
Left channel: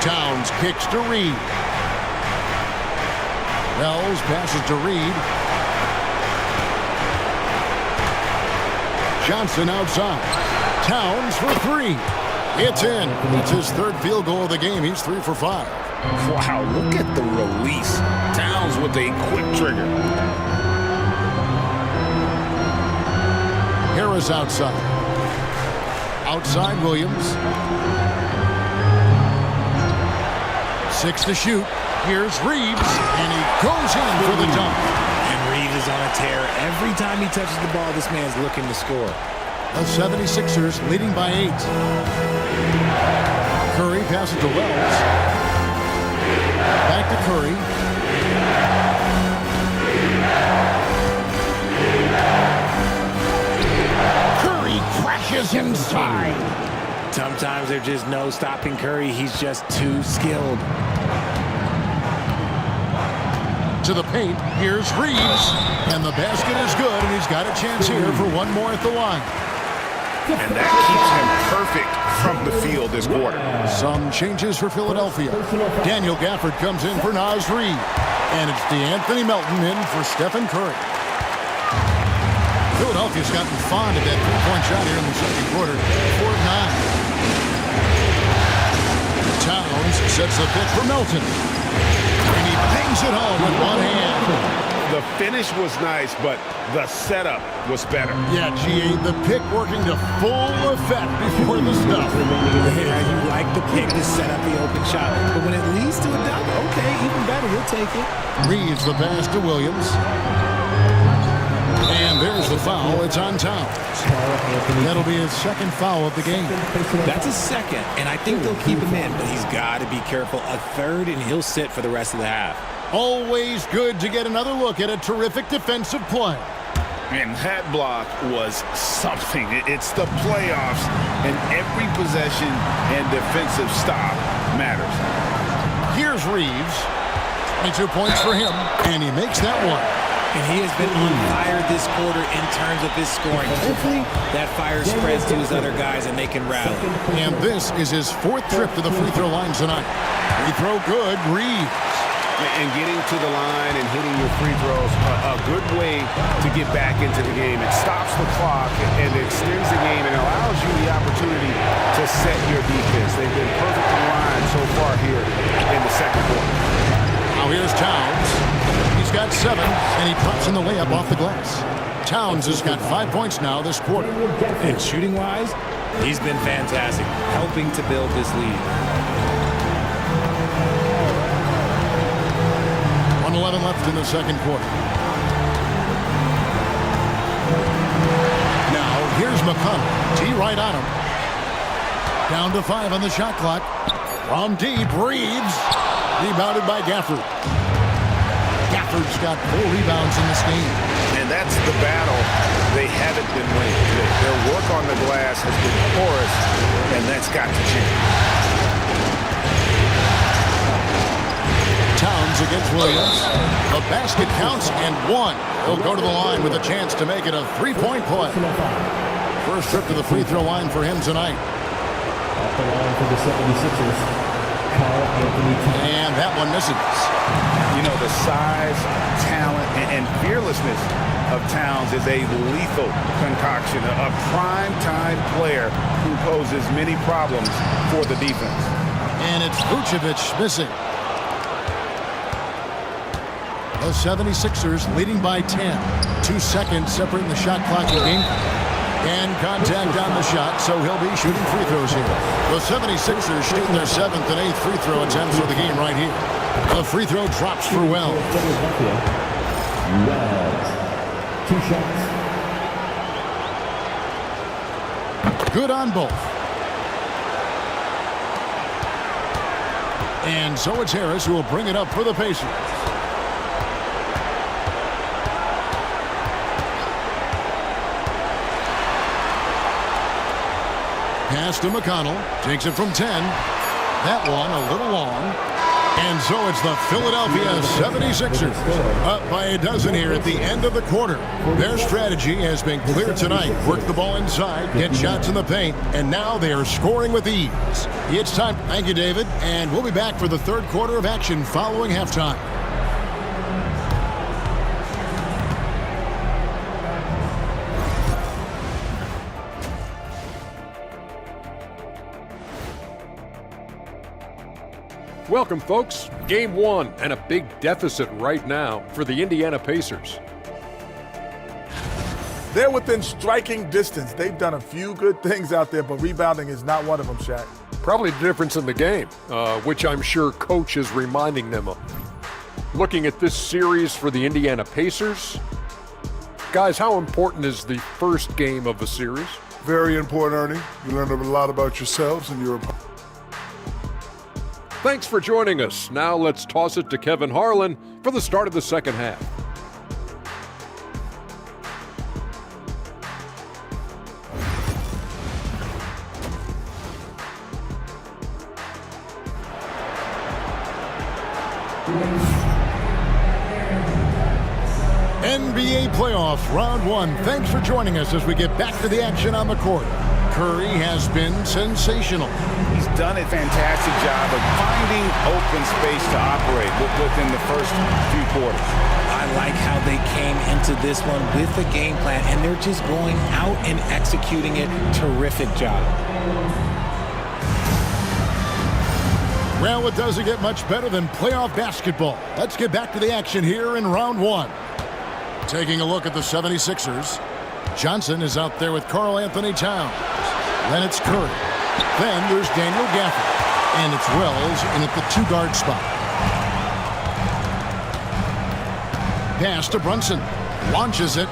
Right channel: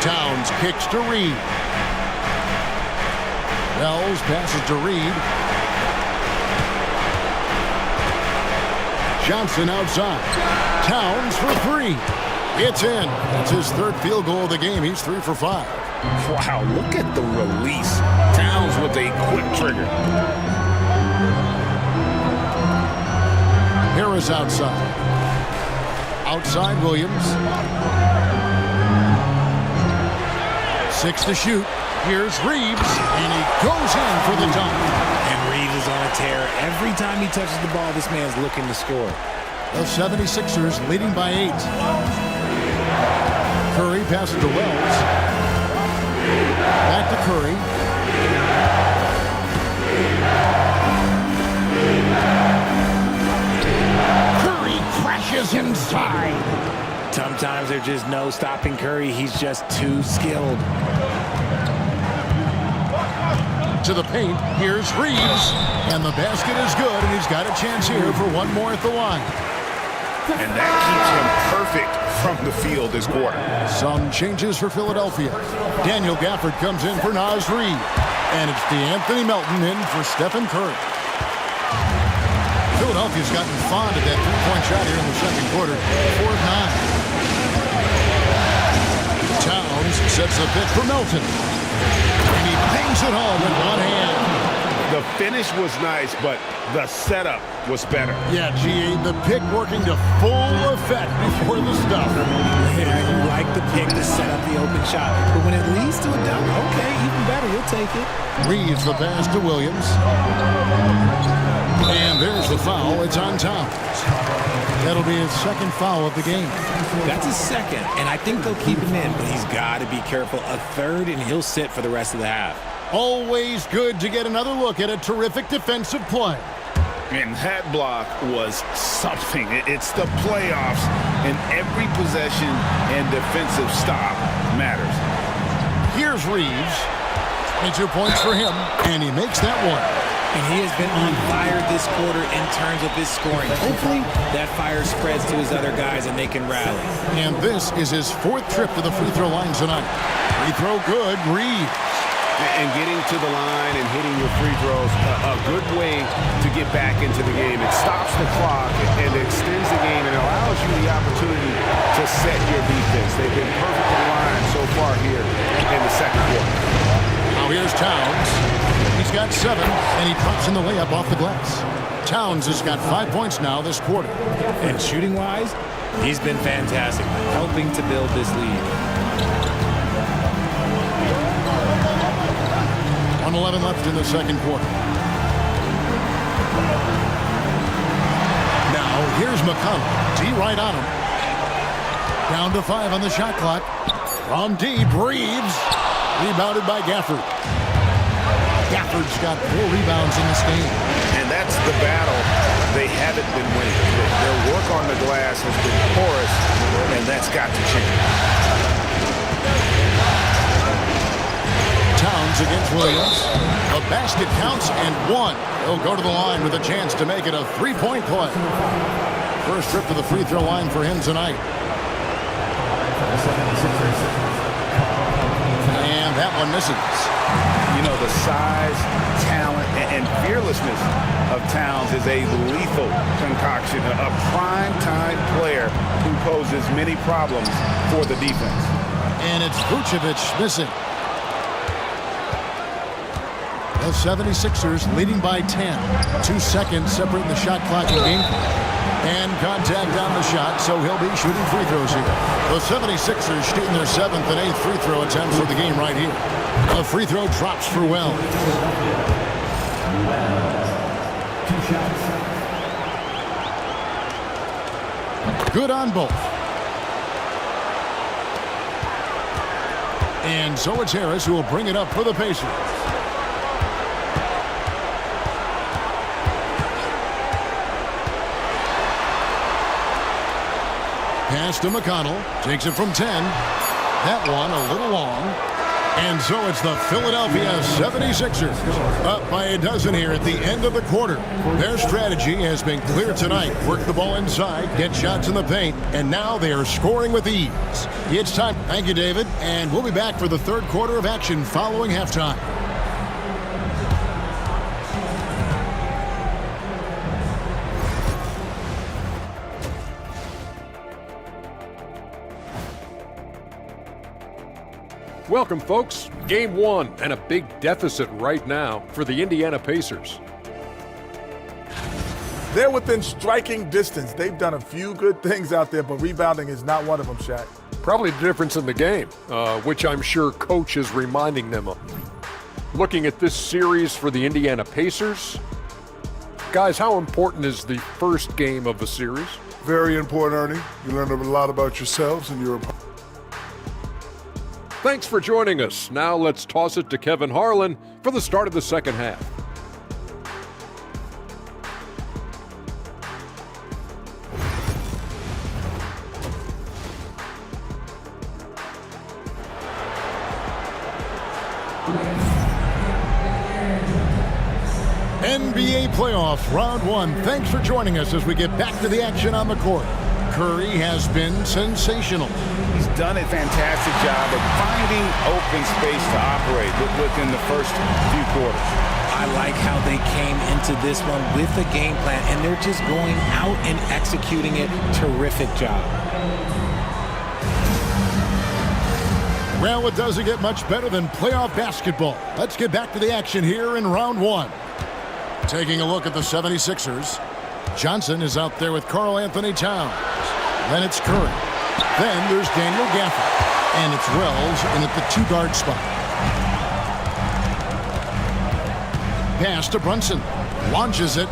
Towns kicks to Reed. Wells passes to Reed. Johnson outside. Towns for 3. It's in. That's his 3rd field goal of the game. He's 3 for 5. Wow, look at the release. Towns with a quick trigger. Harris outside. Outside Williams. 6 to shoot. Here's Reeves, and he goes in for the dunk. And Reeves is on a tear. Every time he touches the ball, this man's looking to score. The 76ers leading by 8. Curry passes to Wells. Back to Curry. Curry crashes inside. Sometimes there's just no stopping Curry. He's just too skilled. To the paint, here's Reeves. And the basket is good, and he's got a chance here for one more at the line. And that keeps him perfect from the field this quarter. Some changes for Philadelphia. Daniel Gafford comes in for Naz Reid. And it's DeAnthony Melton in for Stephen Curry. Philadelphia's gotten fond of that three-point shot here in the second quarter. 4 of 9. Towns sets the pick for Melton. And he bangs it home with one hand. The finish was nice, but the setup was better. Yeah, GA, the pick working to full effect before the stuff. Yeah, you like the pick to set up the open shot. But when it leads to a dunk, okay, even better, you'll take it. Reeves the pass to Williams. And there's the foul. It's on Towns. That'll be his second foul of the game. That's his second, and I think they'll keep him in, but he's got to be careful. A third, and he'll sit for the rest of the half. Always good to get another look at a terrific defensive play. And that block was something. It's the playoffs, and every possession and defensive stop matters. Here's Reeves. 22 points for him, and he makes that one. And he has been on fire this quarter in terms of his scoring. Hopefully, that fire spreads to his other guys and they can rally. And this is his 4th trip to the free throw line tonight. Free throw good, Reeves. And getting to the line and hitting your free throws, a good way to get back into the game. It stops the clock and extends the game and allows you the opportunity to set your defense. They've been perfect in the line so far here in the second quarter. Now here's Towns. He's got 7, and he drops in the layup off the glass. Towns has got 5 points now this quarter. And shooting-wise, he's been fantastic, helping to build this lead. 1:11 left in the second quarter. Now here's McConnell. T right on him. Down to 5 on the shot clock. From deep, Reeves. Rebounded by Gafford. Gafford's got 4 rebounds in this game. And that's the battle they haven't been winning today. Their work on the glass has been porous, and that's got to change. Towns against Williams. The basket counts and 1. He'll go to the line with a chance to make it a 3-point play. First trip to the free throw line for him tonight. At the line for the 76ers, And that one misses. You know, the size, talent, and fearlessness of Towns is a lethal concoction, a prime-time player who poses many problems for the defense. And it's Vucevic missing. The 76ers leading by 10. 2 seconds separating the shot clock and game clock. And contact on the shot, so he'll be shooting free throws here. The 76ers shooting their 7th and 8th free throw attempts for the game right here. The free throw drops for Wells. Wells. 2 shots. Good on both. And so it's Harris who will bring it up for the Pacers. Pass to McConnell. Takes it from 10. That one a little long. And so it's the Philadelphia 76ers. Up by a dozen here at the end of the quarter. Their strategy has been clear tonight. Work the ball inside, get shots in the paint, and now they are scoring with ease. It's time. Thank you, David. And we'll be back for the third quarter of action following halftime. Welcome, folks. Game 1 and a big deficit right now for the Indiana Pacers. They're within striking distance. They've done a few good things out there, but rebounding is not one of them, Shaq. Probably the difference in the game, which I'm sure Coach is reminding them of. Looking at this series for the Indiana Pacers, guys, how important is the first game of a series? Very important, Ernie. You learn a lot about yourselves and your opponent. Thanks for joining us. Now let's toss it to Kevin Harlan for the start of the second half. NBA Playoffs Round 1. Thanks for joining us as we get back to the action on the court. Curry has been sensational. He's done a fantastic job of finding open space to operate within the first few quarters. I like how they came into this one with a game plan, and they're just going out and executing it. Terrific job. Well, it doesn't get much better than playoff basketball. Let's get back to the action here in Round 1. Taking a look at the 76ers. Johnson is out there with Karl Anthony Towns. Then it's Curry. Then there's Daniel Gafford. And it's Wells in at the 2-guard spot. Pass to Brunson. Launches it.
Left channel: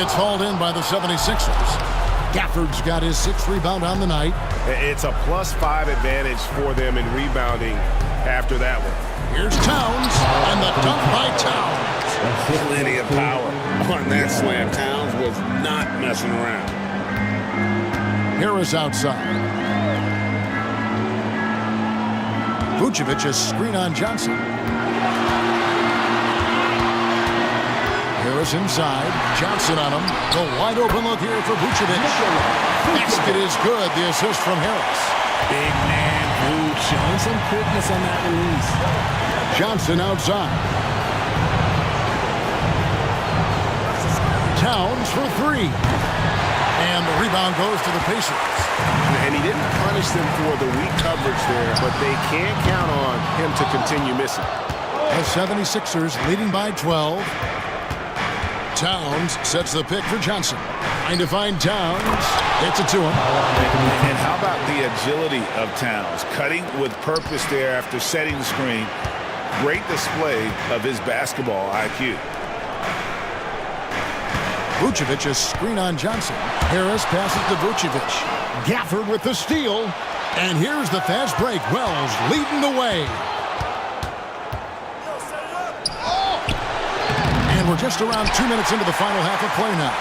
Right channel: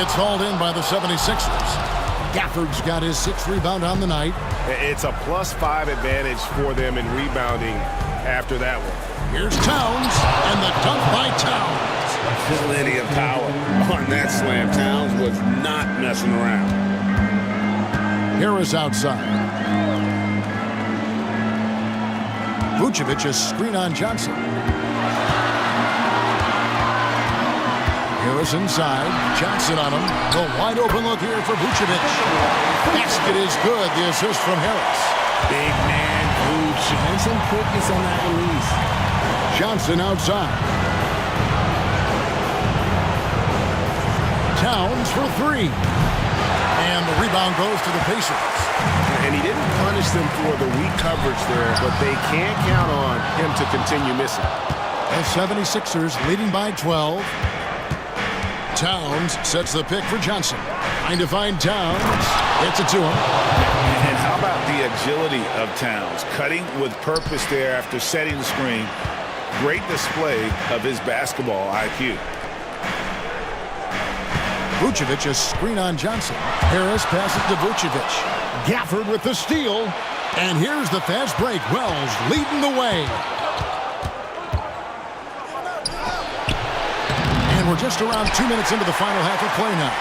It's hauled in by the 76ers. Gafford's got his 6th rebound on the night. It's a +5 advantage for them in rebounding after that one. Here's Towns, and the dunk by Towns. Plenty of power on that slam. Towns was not messing around. Harris outside. Vucevic a screen on Johnson. Harris inside. Johnson on him. The wide open look here for Vucevic. Basket is good. The assist from Harris. Big man Vooch showing some quickness on that release. Johnson outside. Towns for three. And the rebound goes to the Pacers. And he didn't punish them for the weak coverage there, but they can't count on him to continue missing. The 76ers leading by 12. Towns sets the pick for Johnson. Trying to find Towns. Gets it to him. And how about the agility of Towns? Cutting with purpose there after setting the screen. Great display of his basketball IQ. Vucevic a screen on Johnson. Harris passes to Vucevic. Gafford with the steal. And here's the fast break. Wells leading the way. And we're just around 2 minutes into the final half of play now.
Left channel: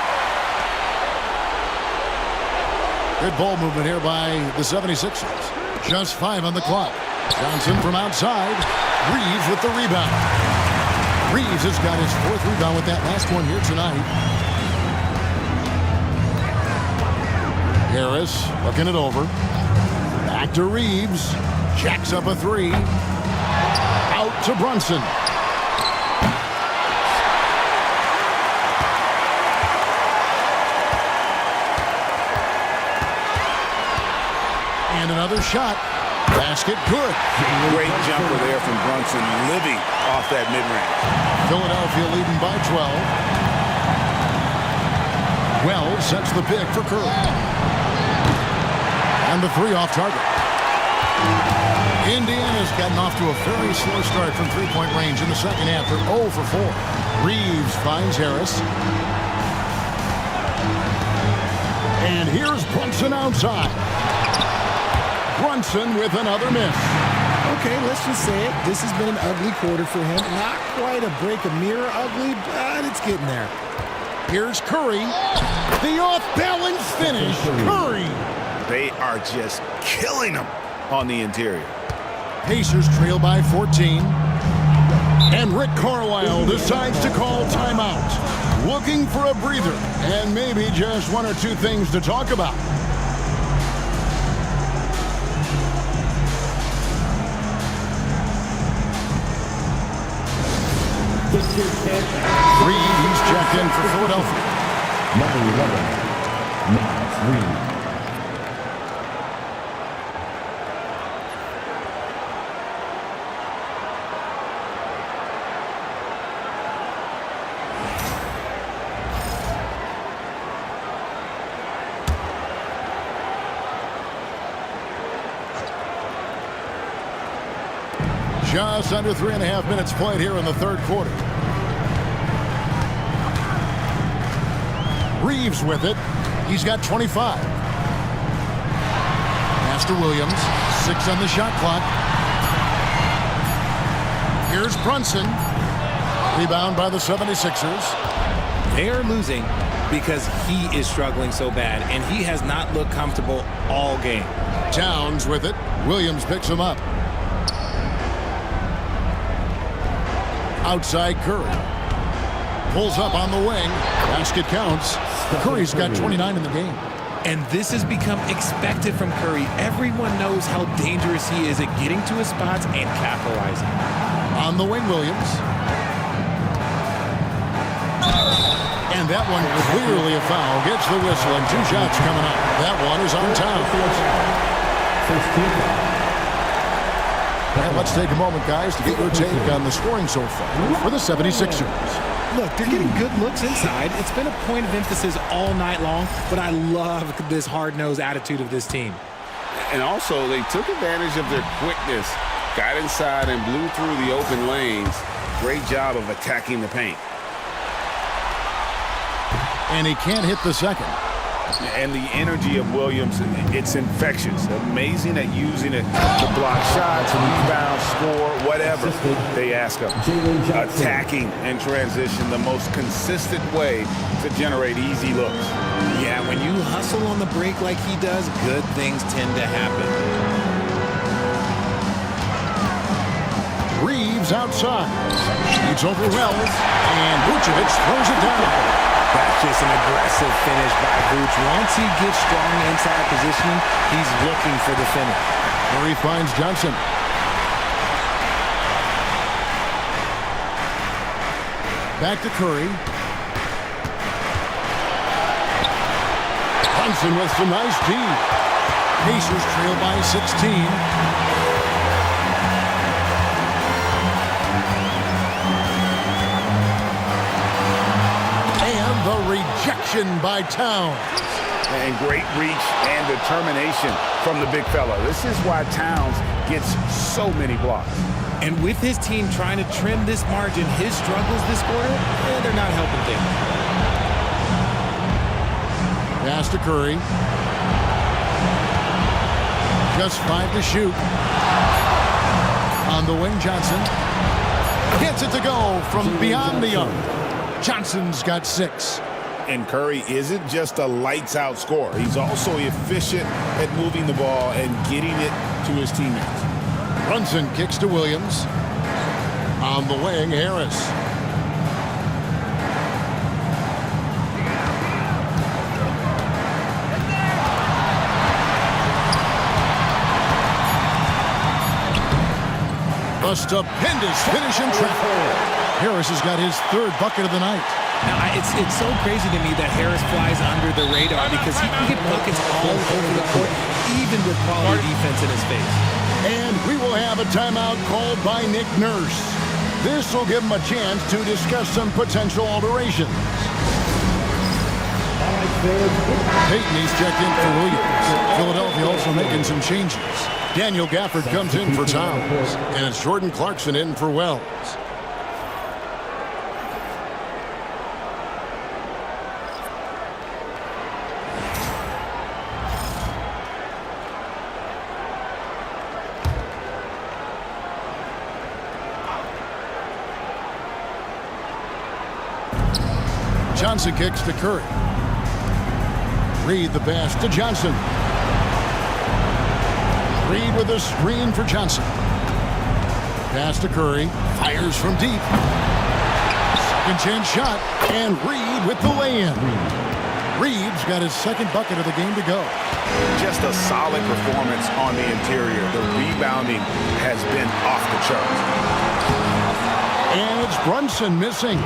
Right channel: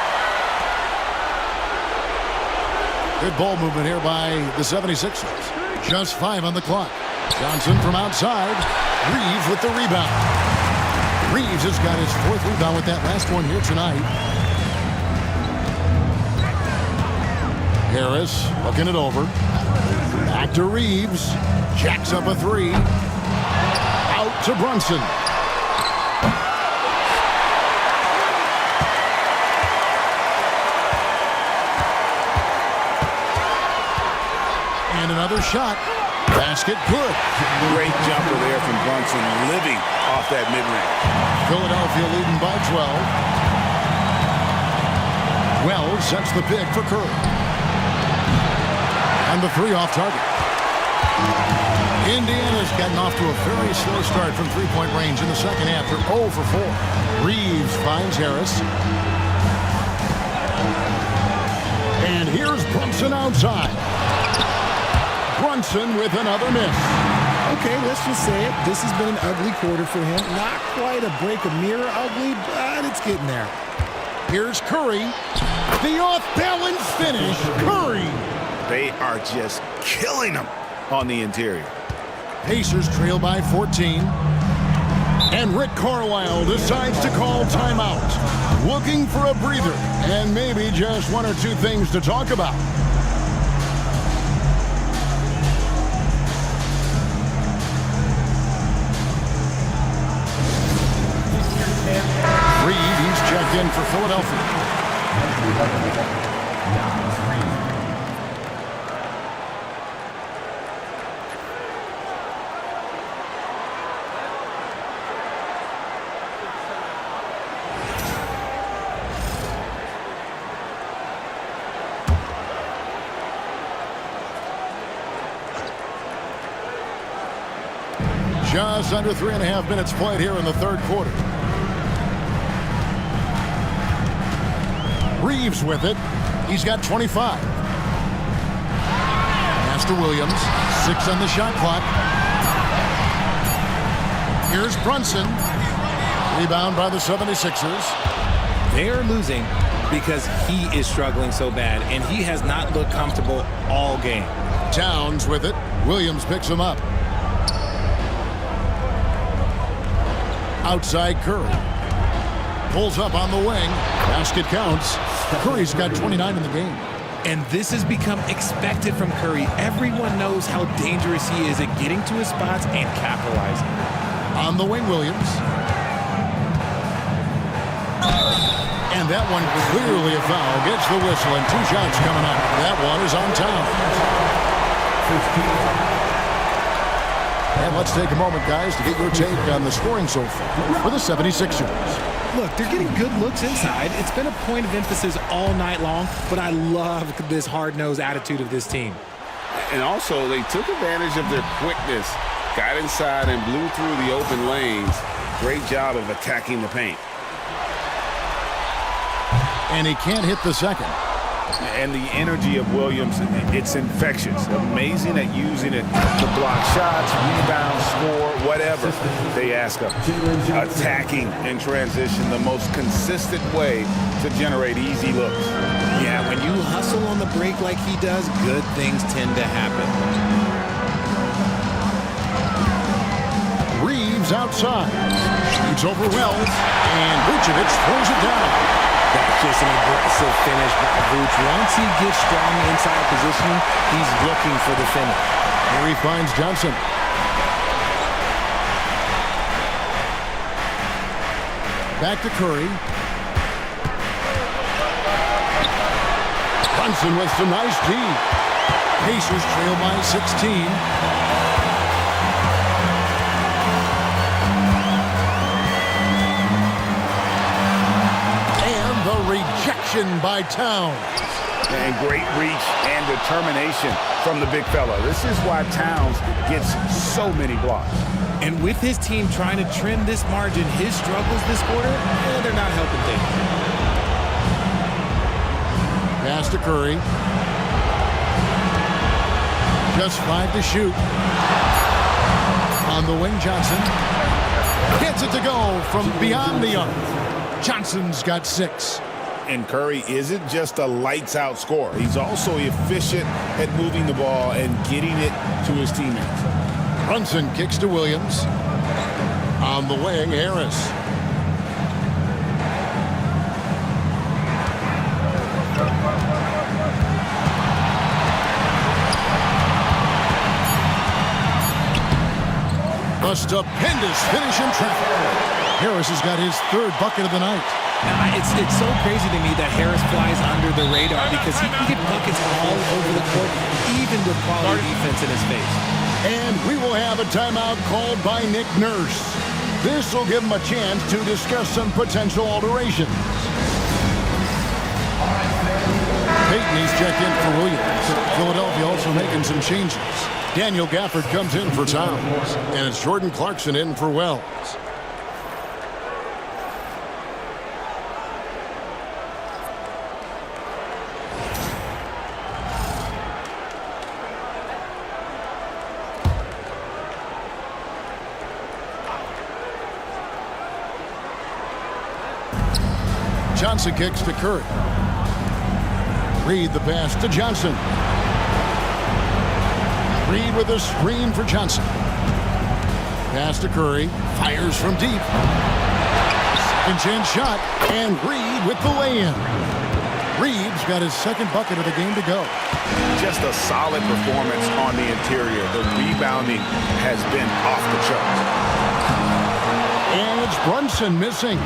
Good ball movement here by the 76ers. Just 5 on the clock. Johnson from outside. Reeves with the rebound. Reeves has got his 4th rebound with that last one here tonight. Harris looking it over. Back to Reeves. Jacks up a 3. Out to Brunson. And another shot. Basket good. Great jumper there from Brunson, living off that mid-range. Philadelphia leading by 12. Wells sets the pick for Curry. And the 3 off target. Indiana's gotten off to a very slow start from three-point range in the second half. They're 0 for 4. Reeves finds Harris. And here's Brunson outside. Brunson with another miss. Okay, let's just say it. This has been an ugly quarter for him. Not quite a break a mirror ugly, but it's getting there. Here's Curry. The off-balance finish. Curry. They are just killing them on the interior. Pacers trail by 14. And Rick Carlisle decides to call timeout. Looking for a breather and maybe just 1 or 2 things to talk about. Reed, he's checked in for Philadelphia. Number 11, Nas Reed. Just under 3.5 minutes played here in the third quarter. Reeves with it. He's got 25. Pass to Williams. 6 on the shot clock. Here's Brunson. Rebound by the 76ers. They are losing because he is struggling so bad, and he has not looked comfortable all game. Towns with it. Williams picks him up. Outside Curry. Pulls up on the wing. Basket counts. Curry's got 29 in the game. And this has become expected from Curry. Everyone knows how dangerous he is at getting to his spots and capitalizing. On the wing, Williams. And that one clearly a foul. Gets the whistle and 2 shots coming up. That one is on Towns. And let's take a moment, guys, to get your take on the scoring so far for the 76ers. Look, they're getting good looks inside. It's been a point of emphasis all night long, but I love this hard-nosed attitude of this team. And also, they took advantage of their quickness, got inside and blew through the open lanes. Great job of attacking the paint. And he can't hit the second. And the energy of Williams, it's infectious. Amazing at using it to block shots, rebound, score, whatever they ask of him. Attacking in transition, the most consistent way to generate easy looks. Yeah, when you hustle on the break like he does, good things tend to happen. Reeves outside. Shoots over Wells, and Vucevic throws it down. That's just an aggressive finish by Vooch. Once he gets strong inside positioning, he's looking for the finish. Murray finds Johnson. Back to Curry. Johnson with some nice D. Pacers trail by 16. And the rejection by Towns. And great reach and determination from the big fella. This is why Towns gets so many blocks. And with his team trying to trim this margin, his struggles this quarter, they're not helping things. Pass to Curry. Just 5 to shoot. On the wing, Johnson. Gets it to go from beyond the arc. Johnson's got 6. And Curry isn't just a lights-out scorer. He's also efficient at moving the ball and getting it to his teammates. Brunson kicks to Williams. On the wing, Harris. A stupendous finish in traffic. Harris has got his 3rd bucket of the night. Now, it's so crazy to me that Harris flies under the radar because he can get buckets all over the court, even with quality defense in his face. And we will have a timeout called by Nick Nurse. This will give him a chance to discuss some potential alterations. Payton, he's checked in for Williams. Philadelphia also making some changes. Daniel Gafford comes in for Towns. And it's Jordan Clarkson in for Wells. Johnson kicks to Curry. Reed the pass to Johnson. Reed with a screen for Johnson. Pass to Curry. Fires from deep. Second chance shot. And Reed with the lay-in. Reed's got his 2nd bucket of the game to go. Just a solid performance on the interior. The rebounding has been off the charts. And it's Brunson missing.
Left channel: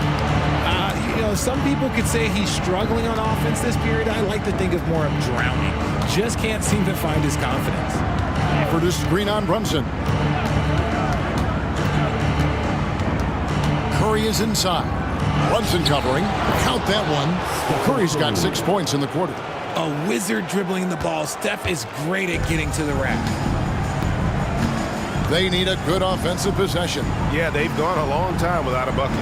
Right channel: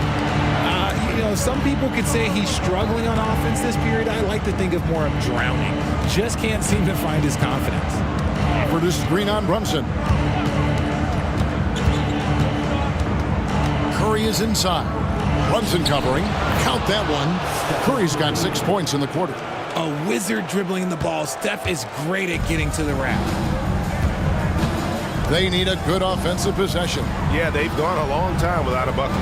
You know, some people could say he's struggling on offense this period. I like to think of more of drowning. Just can't seem to find his confidence. For the screen on Brunson. Curry is inside. Brunson covering. Count that one. Curry's got 6 points in the quarter. A wizard dribbling the ball. Steph is great at getting to the rack. They need a good offensive possession. Yeah, they've gone a long time without a bucket.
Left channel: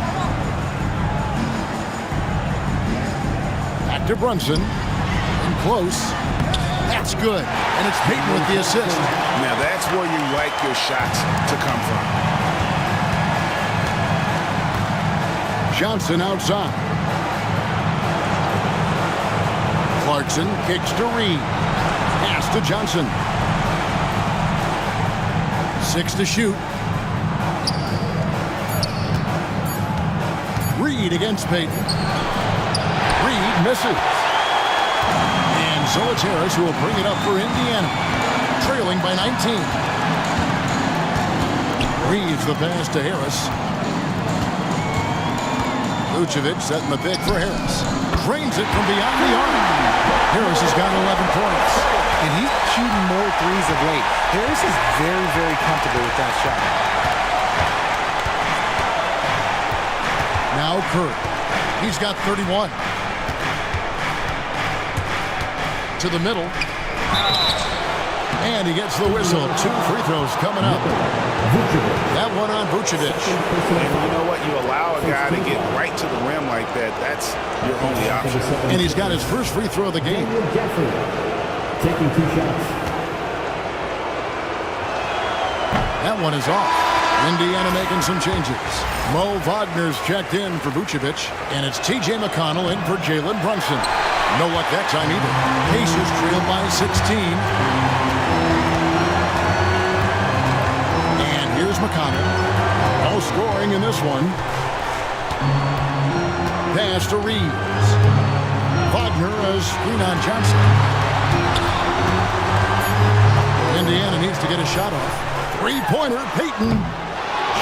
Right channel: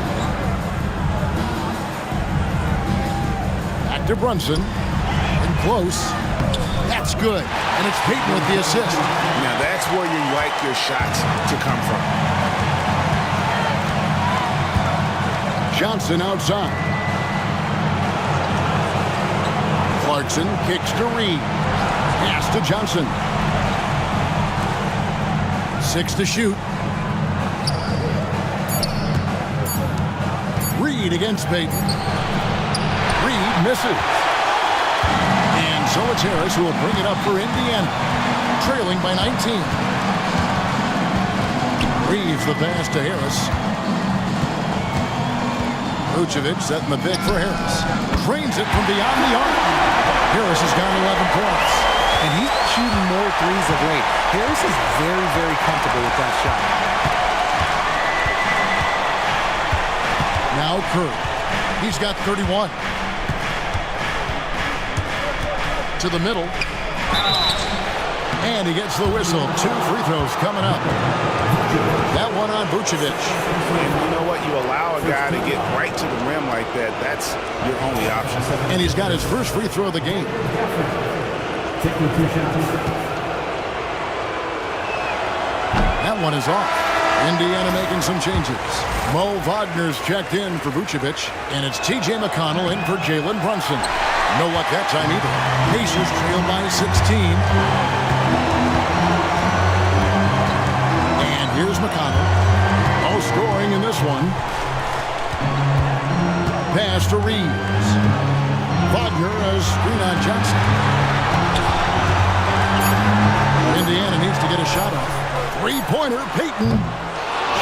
Back to Brunson. In close. That's good. And it's Payton with the assist. Now that's where you like your shots to come from. Johnson outside. Clarkson kicks to Reed. Pass to Johnson. 6 to shoot. Reed against Payton. Reed misses. And so it's Harris who will bring it up for Indiana. Trailing by 19. Reeves the pass to Harris. Vucevic setting the pick for Harris. Drains it from beyond the arc. Harris has got 11 points. And he's shooting more threes of late. Harris is very, very comfortable with that shot. Now Curry. He's got 31. To the middle. And he gets the whistle. 2 free throws coming up. That one on Vucevic. And you know what? You allow a guy to get right to the rim like that. That's your only option. And he's got his first free throw of the game. Taking 2 shots. That one is off. Indiana making some changes. Mo Wagner's checked in for Vucevic, and it's T.J. McConnell in for Jalen Brunson. No luck that time either. Pacers trail by 16. And here's McConnell. No scoring in this one. Pass to Reeves. Wagner a screen on Johnson. Indiana needs to get a shot off. Three-pointer, Payton.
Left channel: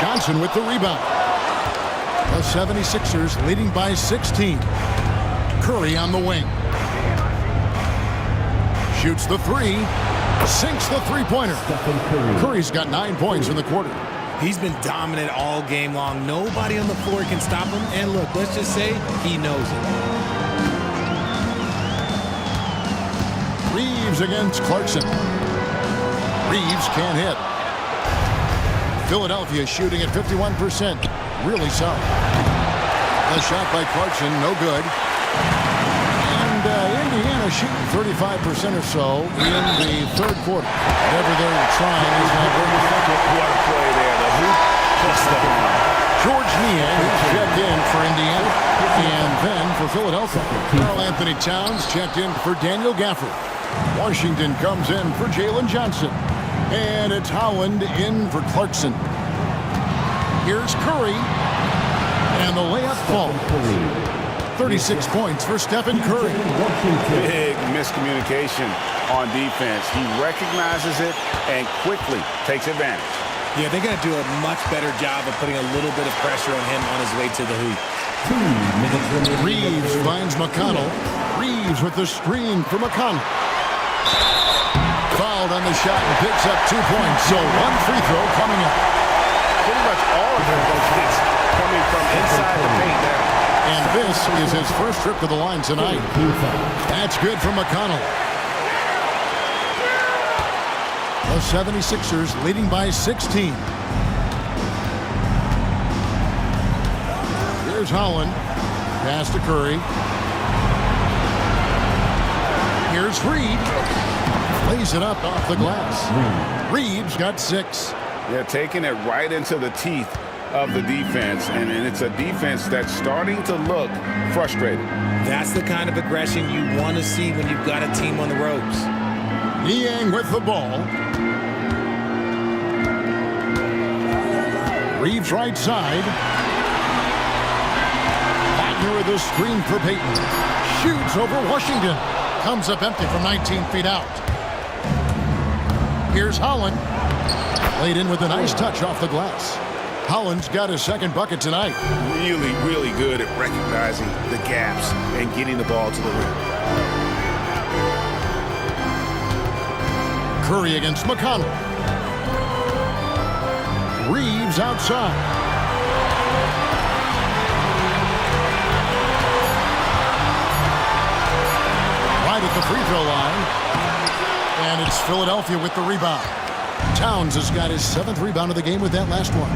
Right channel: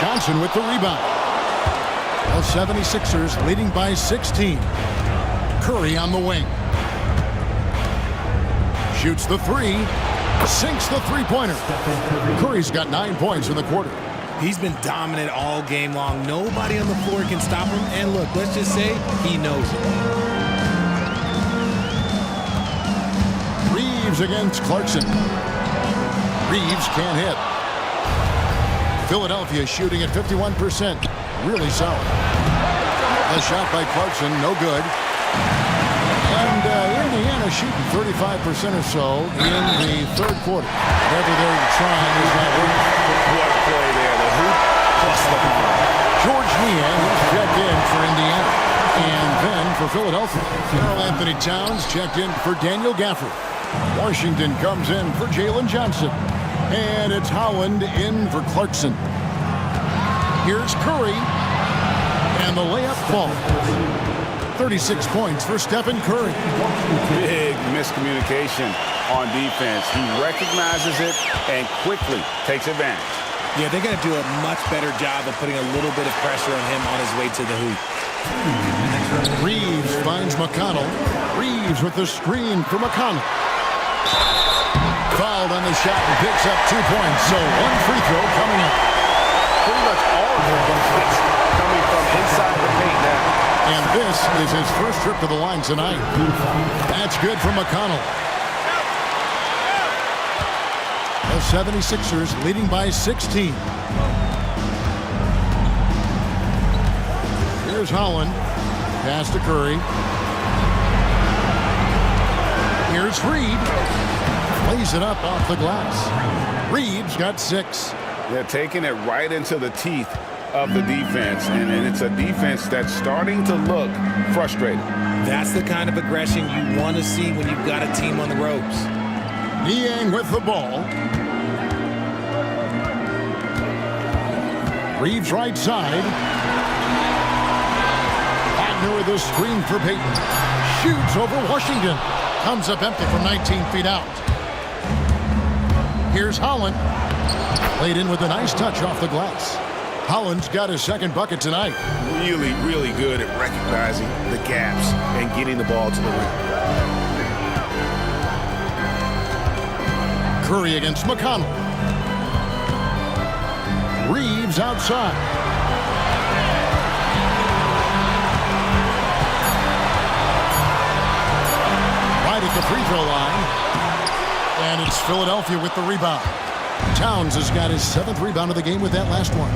Johnson with the rebound. The 76ers leading by 16. Curry on the wing. Shoots the 3. Sinks the three-pointer. Curry's got 9 points in the quarter. He's been dominant all game long. Nobody on the floor can stop him. And look, let's just say he knows it. Reeves against Clarkson. Reeves can't hit. Philadelphia shooting at 51%. Really solid. The shot by Clarkson, no good. And Indiana shooting 35% or so in the third quarter. Whatever they're trying is not working. What a play there. The hoop plus the arm. George Niang, he's checked in for Indiana. And then for Philadelphia, Karl Anthony Towns checked in for Daniel Gafford. Washington comes in for Jalen Johnson. And it's Howland in for Clarkson. Here's Curry. And the layup falls. 36 points for Stephen Curry. Big miscommunication on defense. He recognizes it and quickly takes advantage. Yeah, they're going to do a much better job of putting a little bit of pressure on him on his way to the hoop. 2 minutes remaining. Reeves finds McConnell. Reeves with the screen for McConnell. Fouled on the shot and picks up 2 points. So 1 free throw coming up. Pretty much all of their buckets coming from inside the paint now. And this is his first trip to the line tonight. That's good for McConnell. The 76ers leading by 16. Here's Howland. Pass to Curry. Here's Reed. Lays it up off the glass. Reeves got 6. They're taking it right into the teeth of the defense, and it's a defense that's starting to look frustrated. That's the kind of aggression you want to see when you've got a team on the ropes. Niang with the ball. Reeves right side. Wagner with a screen for Payton. Shoots over Washington. Comes up empty from 19 feet out. Here's Howland. Laid in with a nice touch off the glass. Howland's got his second bucket tonight. Really, really good at recognizing the gaps and getting the ball to the rim. Curry against McConnell. Reeves outside. Right at the free throw line. And it's Philadelphia with the rebound. Towns has got his 7th rebound of the game with that last one.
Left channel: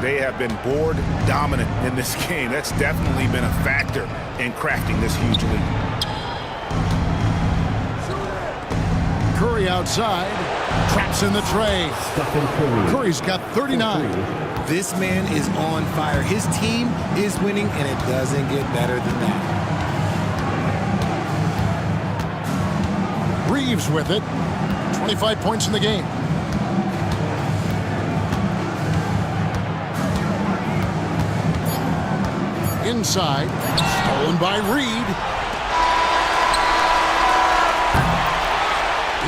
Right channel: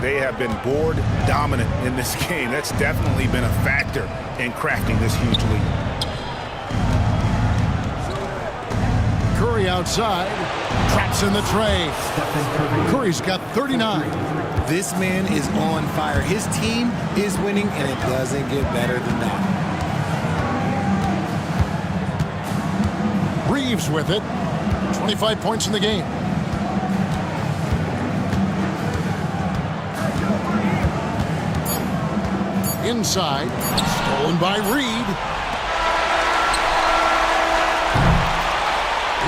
They have been board dominant in this game. That's definitely been a factor in crafting this huge lead. Curry outside. Traps in the tray. Curry's got 39. This man is on fire. His team is winning, and it doesn't get better than that. Reeves with it. 25 points in the game. Inside. Stolen by Reed.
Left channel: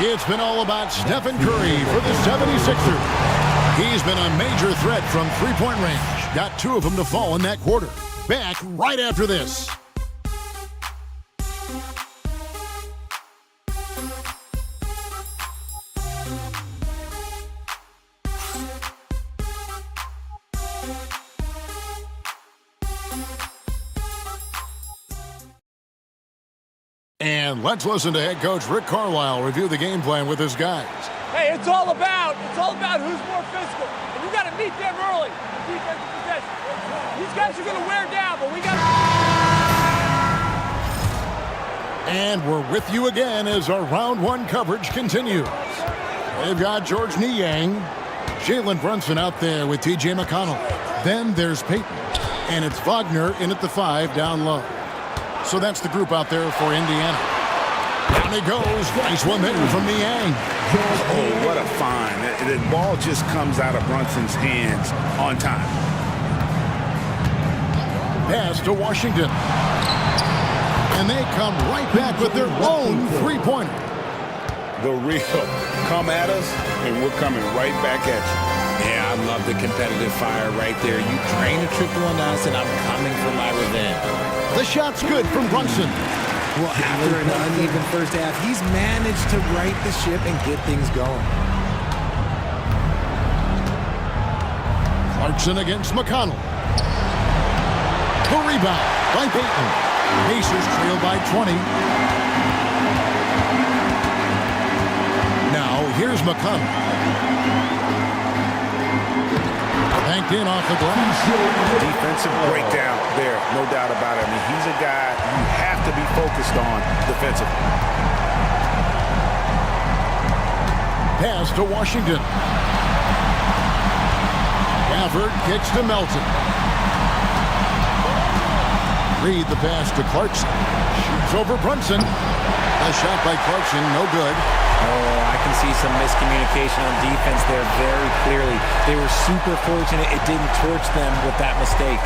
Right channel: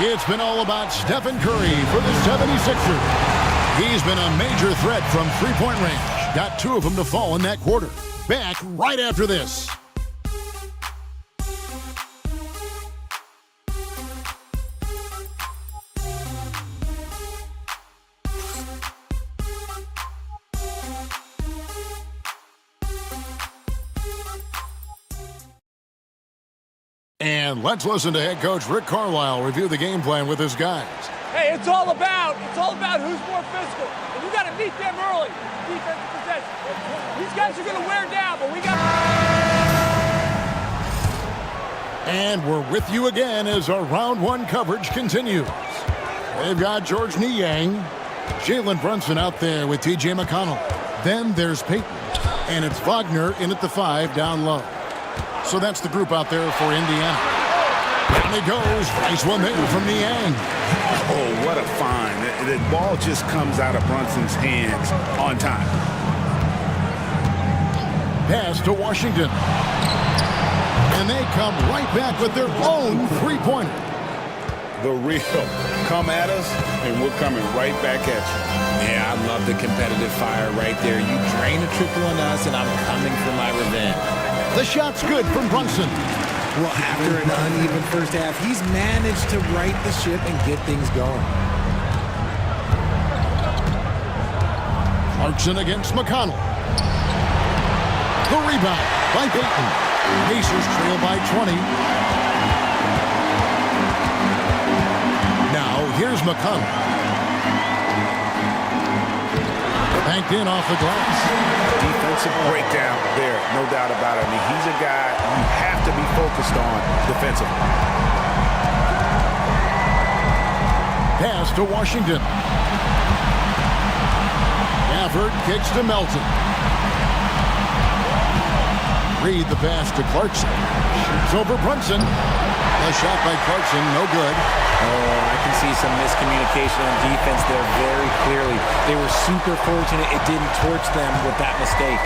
It's been all about Stephen Curry for the 76ers. He's been a major threat from three-point range. Got 2 of them to fall in that quarter. Back right after this. And let's listen to head coach Rick Carlisle review the game plan with his guys. Hey, it's all about who's more physical. And you got to meet them early in defensive possession. These guys are going to wear down, but we got. And we're with you again as our round one coverage continues. They've got George Niang, Jalen Brunson out there with T.J. McConnell. Then there's Peyton, and it's Wagner in at the 5 down low. So that's the group out there for Indiana. Down he goes. Nice one there from Niang. Oh, what a find. The ball just comes out of Brunson's hands on time. Pass to Washington. And they come right back with their own three-pointer. The real come at us, and we're coming right back at you. Yeah, I love the competitive fire right there. You drain a triple on us, and I'm coming for my revenge. The shot's good from Brunson. Well, after an uneven first half, he's managed to right the ship and get things going. Clarkson against McConnell. The rebound by Peyton. Pacers trail by 20. Now, here's McConnell. Banked in off the glass. Defensive breakdown there, no doubt about it. I mean, he's a guy you have to be focused on defensively. Pass to Washington. Gafford kicks to Melton. Reed the pass to Clarkson. Shoots over Brunson. A shot by Clarkson, no good. Oh, I can see some miscommunication on defense there very clearly. They were super fortunate it didn't torch them with that mistake.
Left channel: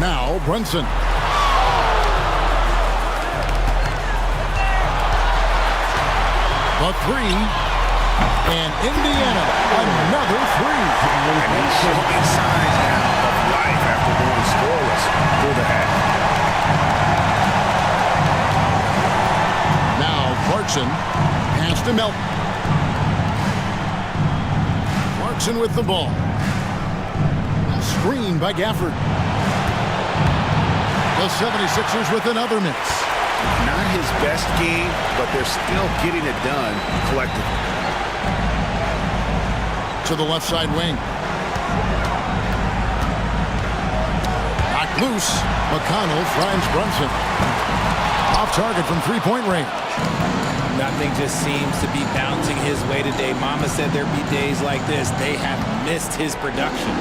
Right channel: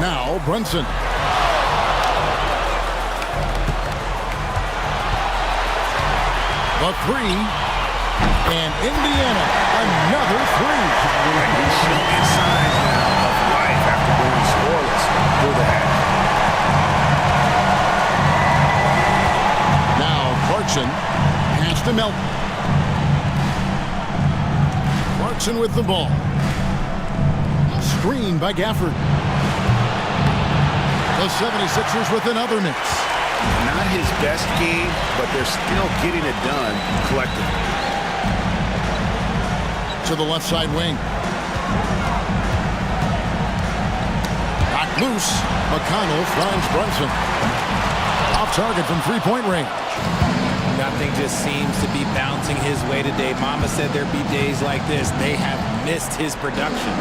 Now Brunson. The three. And Indiana, another three. And he's showing signs now of life after going scoreless through the half. Now Clarkson, pass to Melton. Clarkson with the ball. Screen by Gafford. The 76ers with another miss. Not his best game, but they're still getting it done collectively. To the left side wing. Knocked loose. McConnell finds Brunson. Off target from three-point range. Nothing just seems to be bouncing his way today. Mama said there'd be days like this. They have missed his production.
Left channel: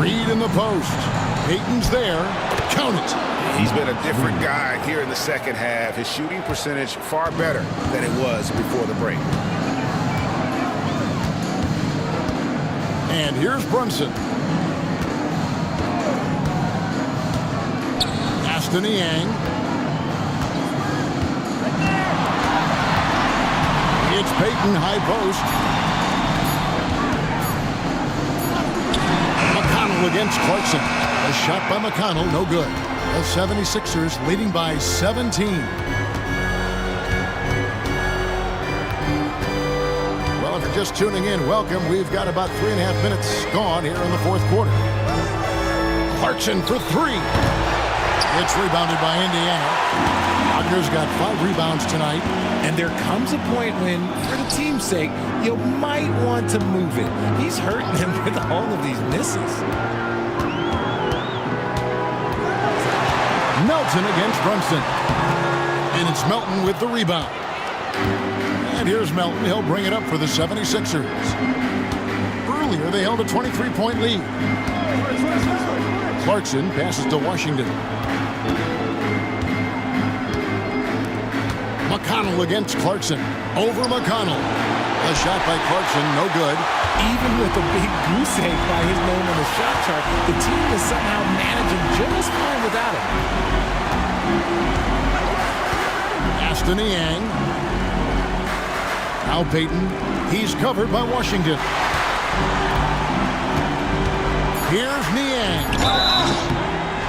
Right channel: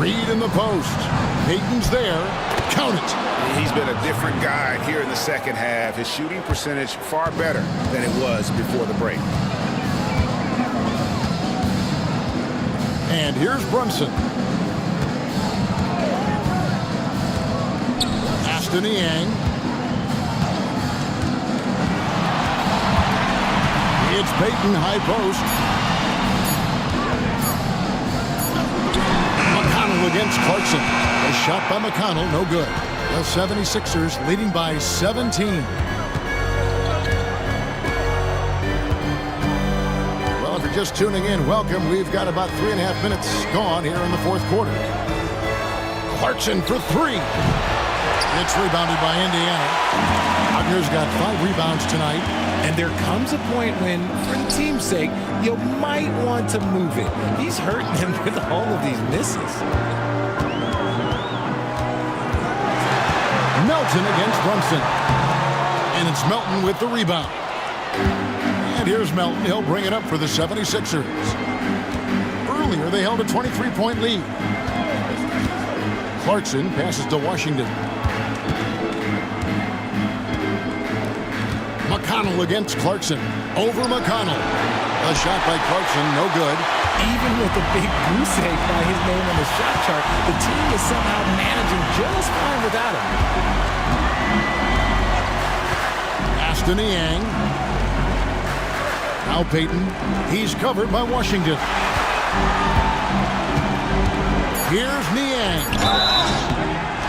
Reed in the post. Peyton's there. Count it. He's been a different guy here in the second half. His shooting percentage far better than it was before the break. And here's Brunson. Pass to Niang. It's Peyton, high post. McConnell against Clarkson. A shot by McConnell, no good. The 76ers leading by 17. Well, if you're just tuning in, welcome. We've got about 3.5 minutes gone here in the fourth quarter. Clarkson for three. It's rebounded by Indiana. Wagner's got 5 rebounds tonight. And there comes a point when, for the team's sake, you might want to move it. He's hurting them with all of these misses. Melton against Brunson. And it's Melton with the rebound. And here's Melton. He'll bring it up for the 76ers. Earlier, they held a 23-point lead. Clarkson passes to Washington. McConnell against Clarkson. Over McConnell. A shot by Clarkson, no good. Even with a big goose egg by his name on the shot chart, the team is somehow managing just fine without him. Aston Niang. Now Peyton. He's covered by Washington. Here's Niang.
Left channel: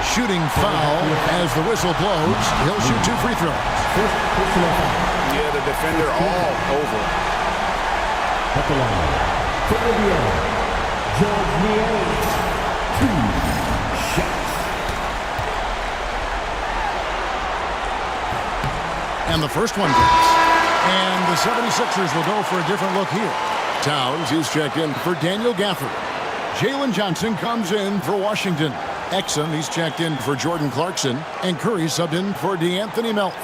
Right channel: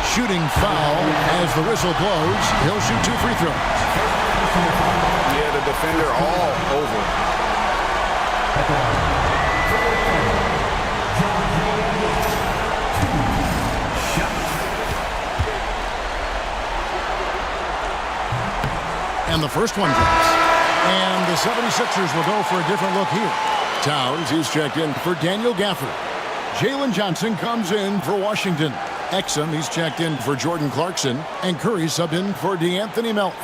Shooting foul as the whistle blows. He'll shoot 2 free throws. Yeah, the defender all over it. At the line, for Indiana, George Niang, 2 shots. And the first one drops. And the 76ers will go for a different look here. Towns is checked in for Daniel Gafford. Jalen Johnson comes in for Washington. Exum, he's checked in for Jordan Clarkson. And Curry subbed in for DeAnthony Melton.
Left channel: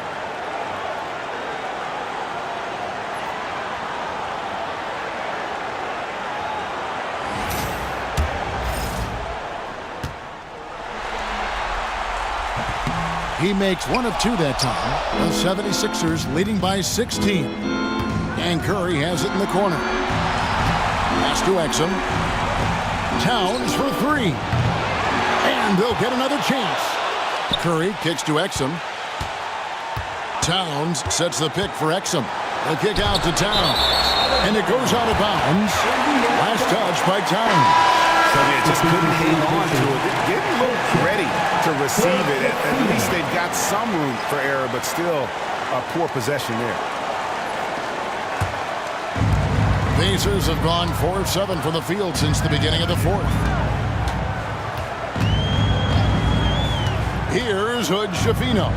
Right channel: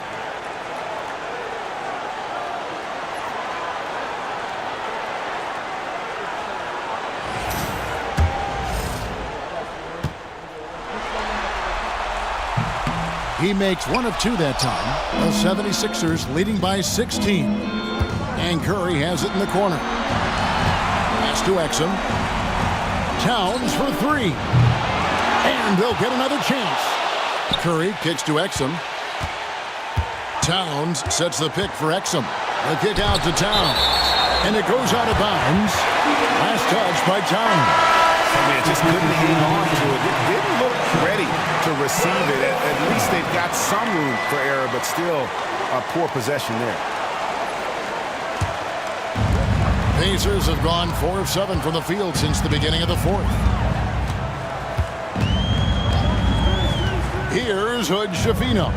He makes one of two that time. The 76ers leading by 16. And Curry has it in the corner. Pass to Exum. Towns for three. And they'll get another chance. Curry kicks to Exum. Towns sets the pick for Exum. The kick out to Towns. And it goes out of bounds. Last touch by Towns. I mean, it just couldn't hang on to it. It didn't look ready to receive it. At least they've got some room for error, but still a poor possession there. Pacers have gone 4 of 7 from the field since the beginning of the fourth. Here's Hood Schifino.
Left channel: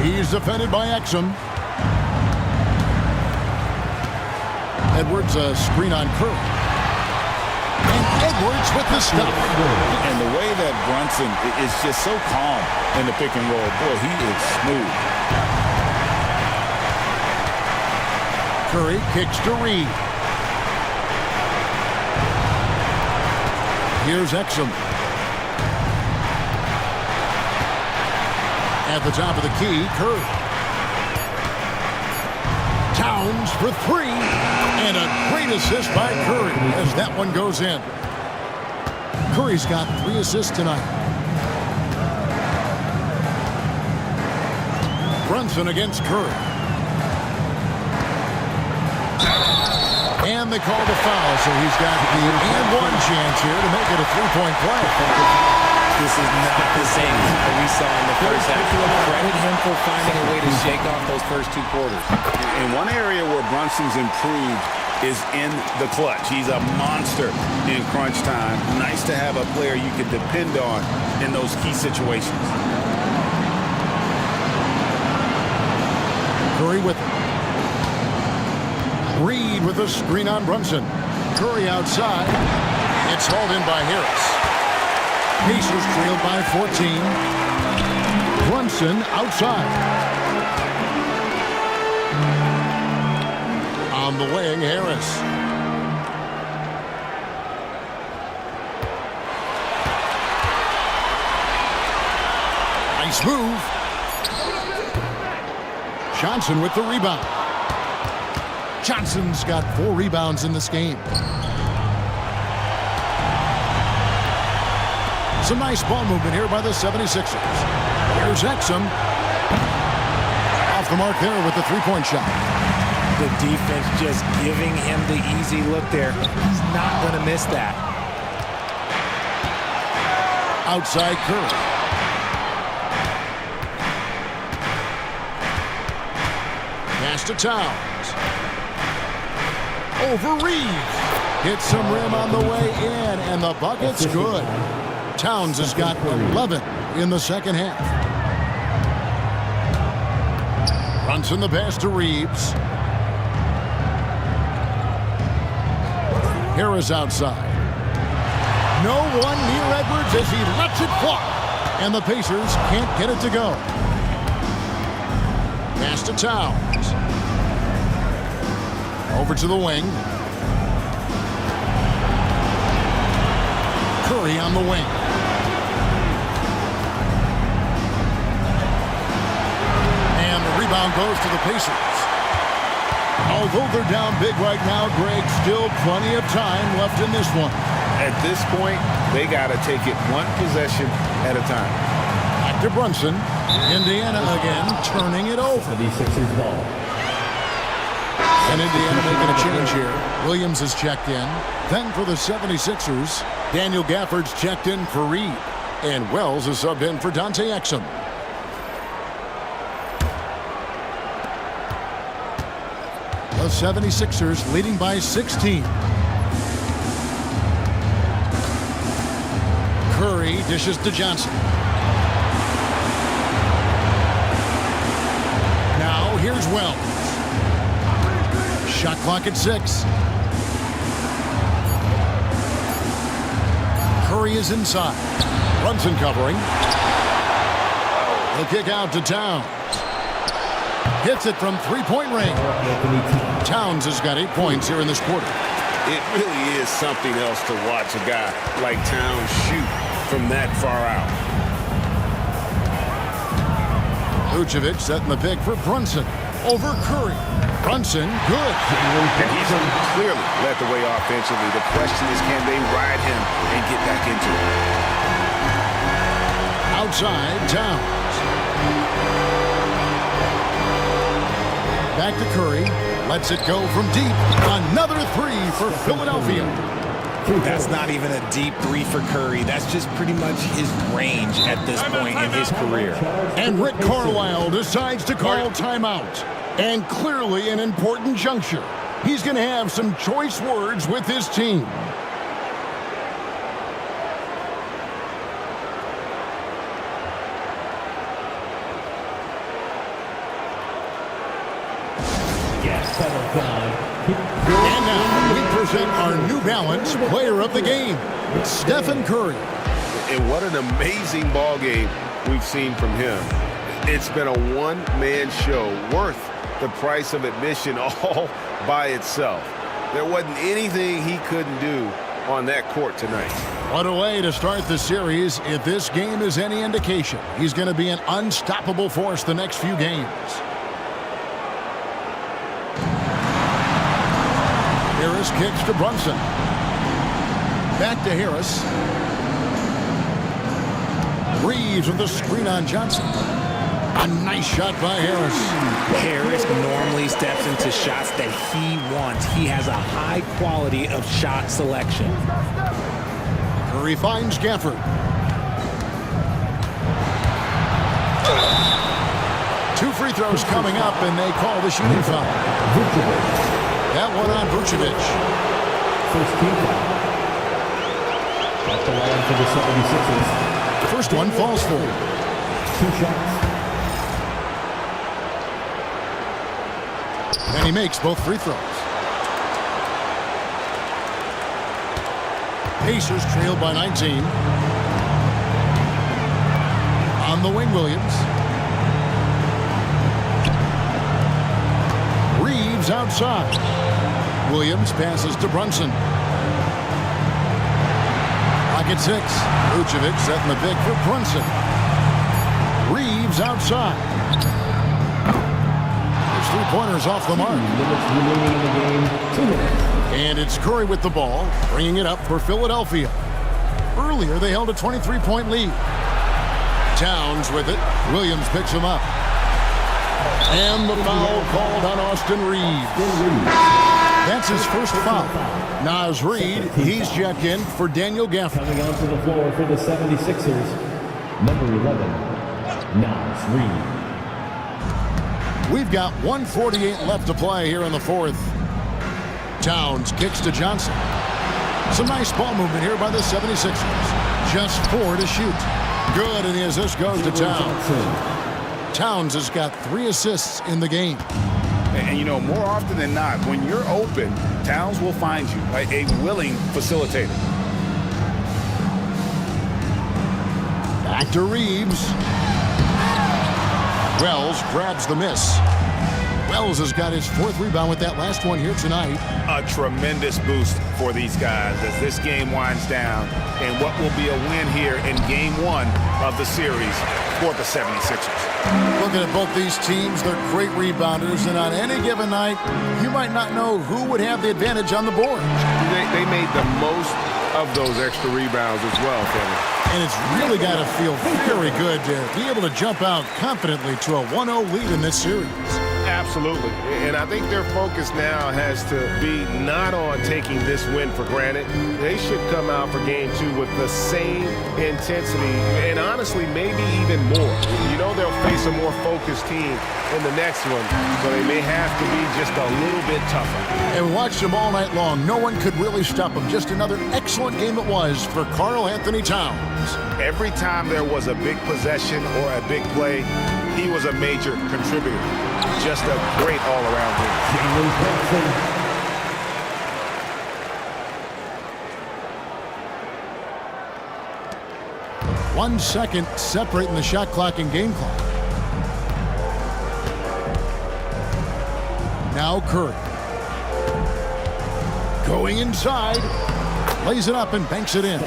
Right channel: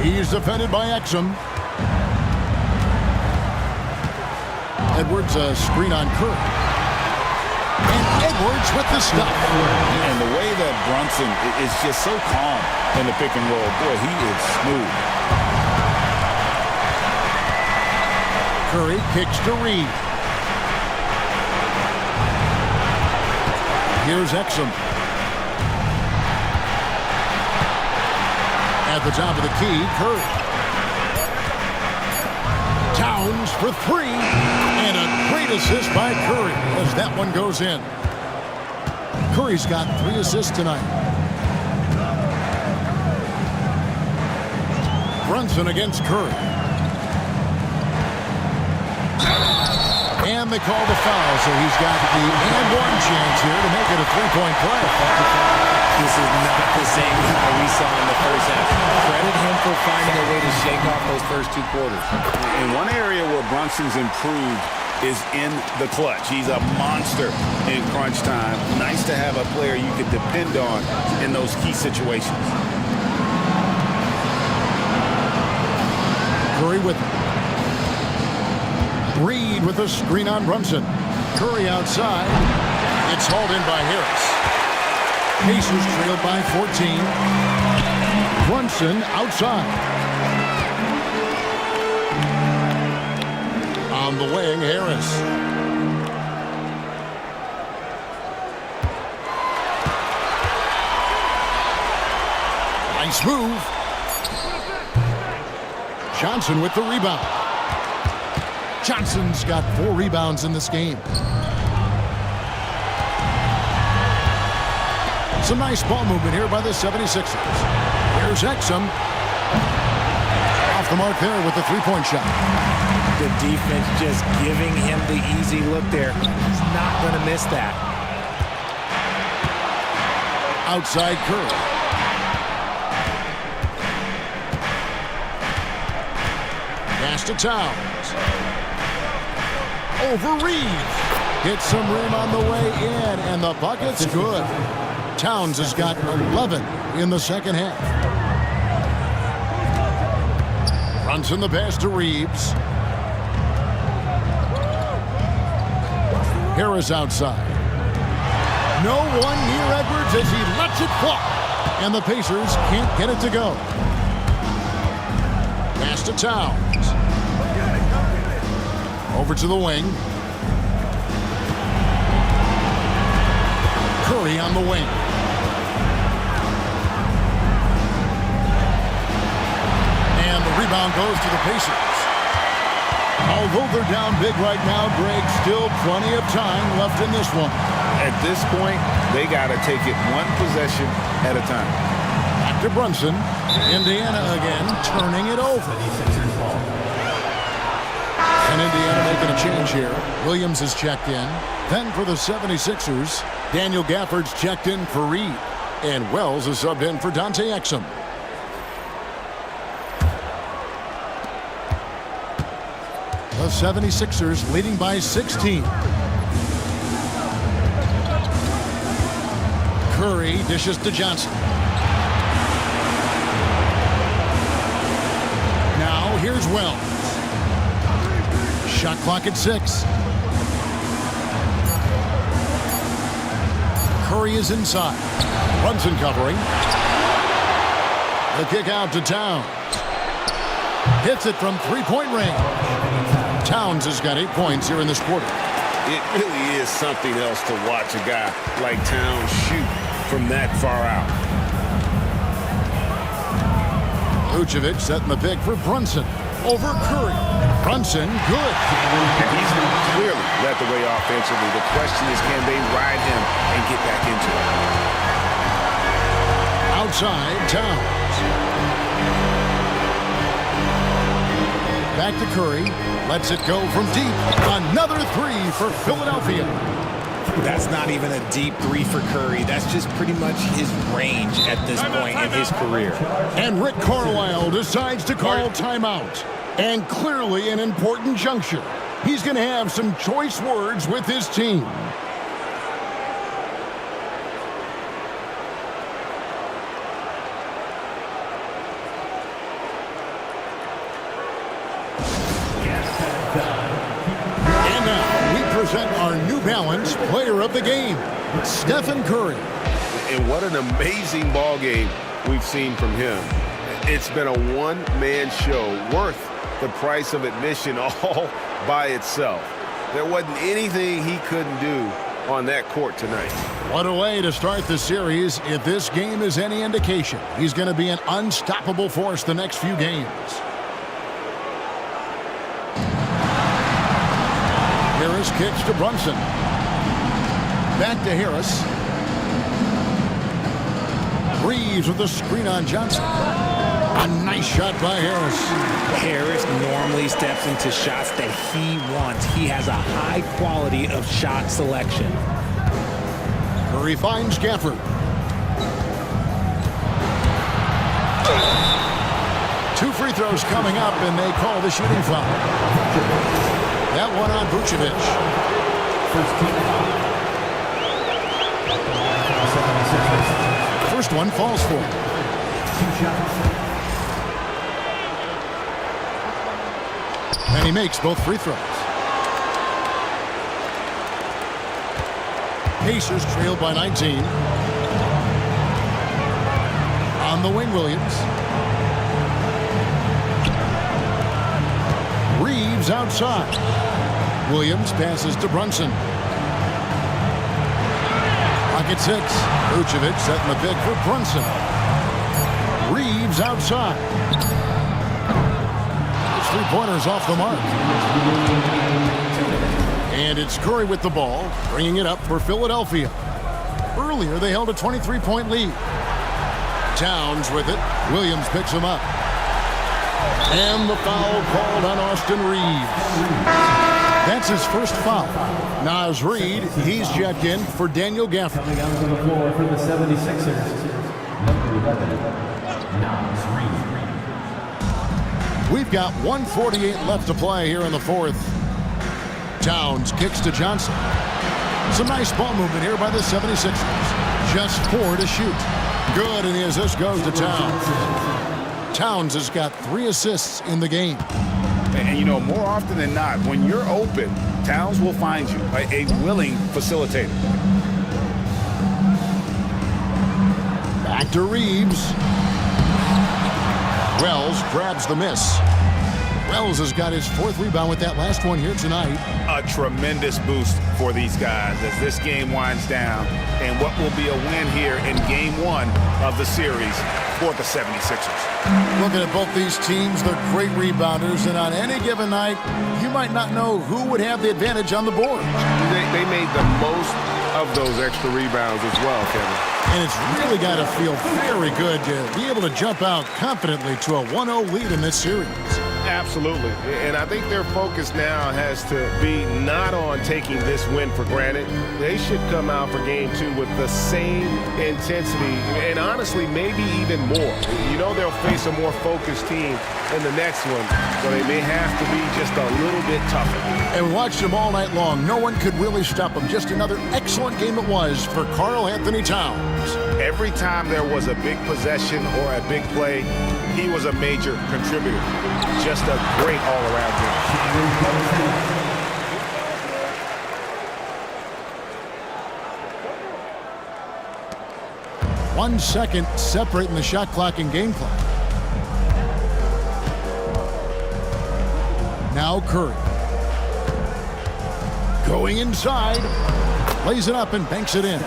He's defended by Exum. Edwards a screen on Curry. And Edwards with the stuff. And the way that Brunson is just so calm in the pick and roll. Boy, he is smooth. Curry kicks to Reed. Here's Exum. At the top of the key, Curry. Towns for three. And a great assist by Curry as that one goes in. Curry's got 3 assists tonight. Brunson against Curry. And they call the foul, so he's got the and one chance here to make it a 3-point play. This is not the same guy we saw in the first half. Credit him for finding a way to shake off those first 2 quarters. In one area where Brunson's improved is in the clutch. He's a monster in crunch time. Nice to have a player you can depend on in those key situations. Curry with it. Reed with a screen on Brunson. Curry outside. It's hauled in by Harris. Pacers trailed by 14. Brunson outside. On the wing, Harris. Nice move. Johnson with the rebound. Johnson's got 4 rebounds in this game. Some nice ball movement here by the 76ers. Here's Exum. Off the mark there with the 3-point shot. The defense just giving him the easy look there. He's not going to miss that. Outside Curry. Pass to Towns. Over Reeves. Hits some rim on the way in, and the bucket's good. Towns has got 11 in the second half. Brunson the pass to Reeves. Harris outside. No one near Edwards as he lets it fly. And the Pacers can't get it to go. Pass to Towns. Over to the wing. Curry on the wing. And the rebound goes to the Pacers. Although they're down big right now, Greg, still plenty of time left in this one. At this point, they got to take it one possession at a time. Back to Brunson. Indiana again, turning it over. 76ers ball. And Indiana making a change here. Williams is checked in. Then for the 76ers, Daniel Gafford's checked in for Reed. And Wells is subbed in for Dante Exum. The 76ers leading by 16. Curry dishes to Johnson. Now here's Wells. Shot clock at 6. Curry is inside. Brunson covering. The kick out to Towns. Hits it from three-point range. Towns has got 8 points here in this quarter. It really is something else to watch a guy like Towns shoot from that far out. Vucevic setting the pick for Brunson. Over Curry. Brunson, good. And he's clearly led the way offensively. The question is, can they ride him and get back into it? Outside, Towns. Back to Curry. Lets it go from deep. Another three for Philadelphia. That's not even a deep three for Curry. That's just pretty much his range at this point in his career. And Rick Carlisle decides to call timeout. And clearly an important juncture. He's going to have some choice words with his team. And now we present our New Balance player of the game, Stephen Curry. And what an amazing ball game we've seen from him. It's been a one-man show worth the price of admission all by itself. There wasn't anything he couldn't do on that court tonight. What a way to start the series. If this game is any indication, he's going to be an unstoppable force the next few games. Harris kicks to Brunson. Back to Harris. Reeves with the screen on Johnson. A nice shot by Harris. Harris normally steps into shots that he wants. He has a high quality of shot selection. Curry finds Gafford. Two free throws coming up, and they call the shooting foul. That one on Vucevic. First team foul. At the line for the 76ers. First one falls for him. 2 shots. And he makes both free throws. Pacers trail by 19. On the wing, Williams. Reeves outside. Williams passes to Brunson. Clock at 6. Vucevic setting the pick for Brunson. Reeves outside. His three-pointers off the mark. And it's Curry with the ball, bringing it up for Philadelphia. Earlier, they held a 23-point lead. Towns with it. Williams picks him up. And the foul called on Austin Reeves. That's his first foul. Naz Reid, he's checked in for Daniel Gafford. Coming onto the floor for the 76ers, number 11, Naz Reid. We've got 1:48 left to play here in the fourth. Towns kicks to Johnson. Some nice ball movement here by the 76ers. Just 4 to shoot. Good, and the assist goes to Towns. Towns has got 3 assists in the game. And you know, more often than not, when you're open, Towns will find you, a willing facilitator. Back to Reeves. Wells grabs the miss. Wells has got his 4th rebound with that last one here tonight. A tremendous boost for these guys as this game winds down, and what will be a win here in Game 1 of the series for the 76ers. Looking at both these teams, they're great rebounders, and on any given night, you might not know who would have the advantage on the board. They made the most of those extra rebounds as well, Kevin. And it's really got to feel very good to be able to jump out confidently to a 1-0 lead in this series. Absolutely. And I think their focus now has to be not on taking this win for granted. They should come out for Game 2 with the same intensity and honestly maybe even more. You know they'll face a more focused team in the next one, so they may have to be just a little bit tougher. And we watched them all night long. No one could really stop them. Just another excellent game it was for Karl Anthony Towns. Every time there was a big possession or a big play, he was a major contributor. just a great all-around game. 1 second separating the shot clock and game clock. Now Curry. Going inside. Lays it up and banks it in.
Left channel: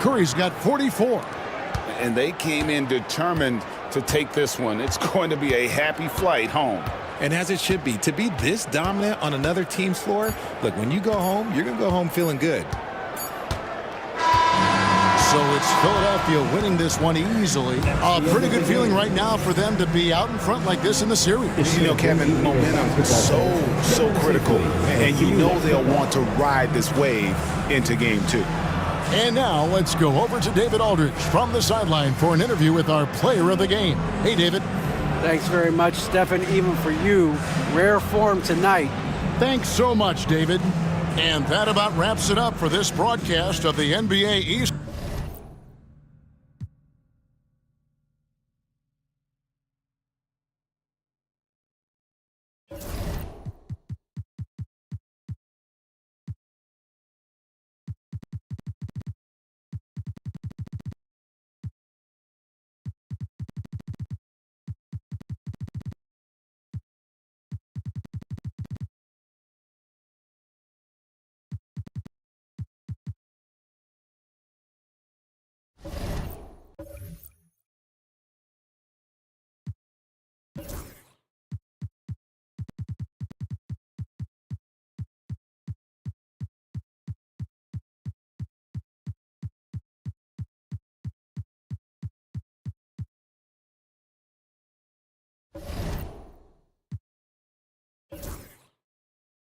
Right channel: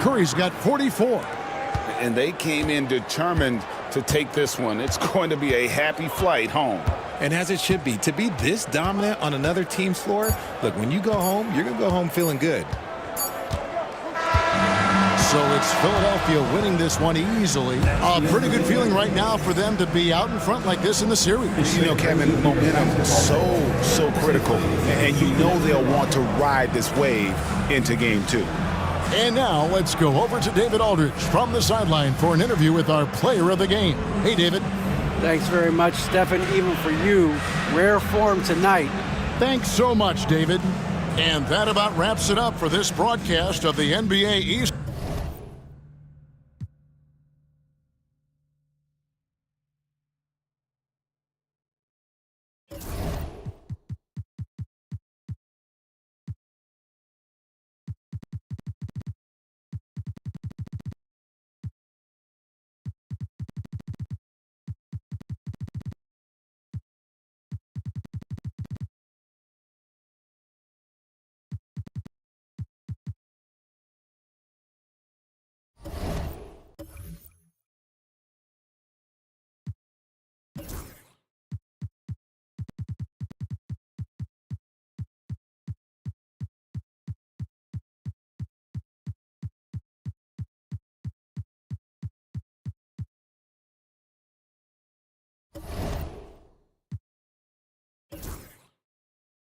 Curry's got 44. And they came in determined to take this one. It's going to be a happy flight home. And as it should be. To be this dominant on another team's floor, look, when you go home, you're going to go home feeling good. So it's Philadelphia winning this one easily. A pretty good feeling right now for them to be out in front like this in the series. You know, Kevin, momentum is so critical. And you know they'll want to ride this wave into game 2. And now let's go over to David Aldridge from the sideline for an interview with our player of the game. Hey, David. Thanks very much, Stephen, even for you. Rare form tonight. Thanks so much, David. And that about wraps it up for this broadcast of the NBA East.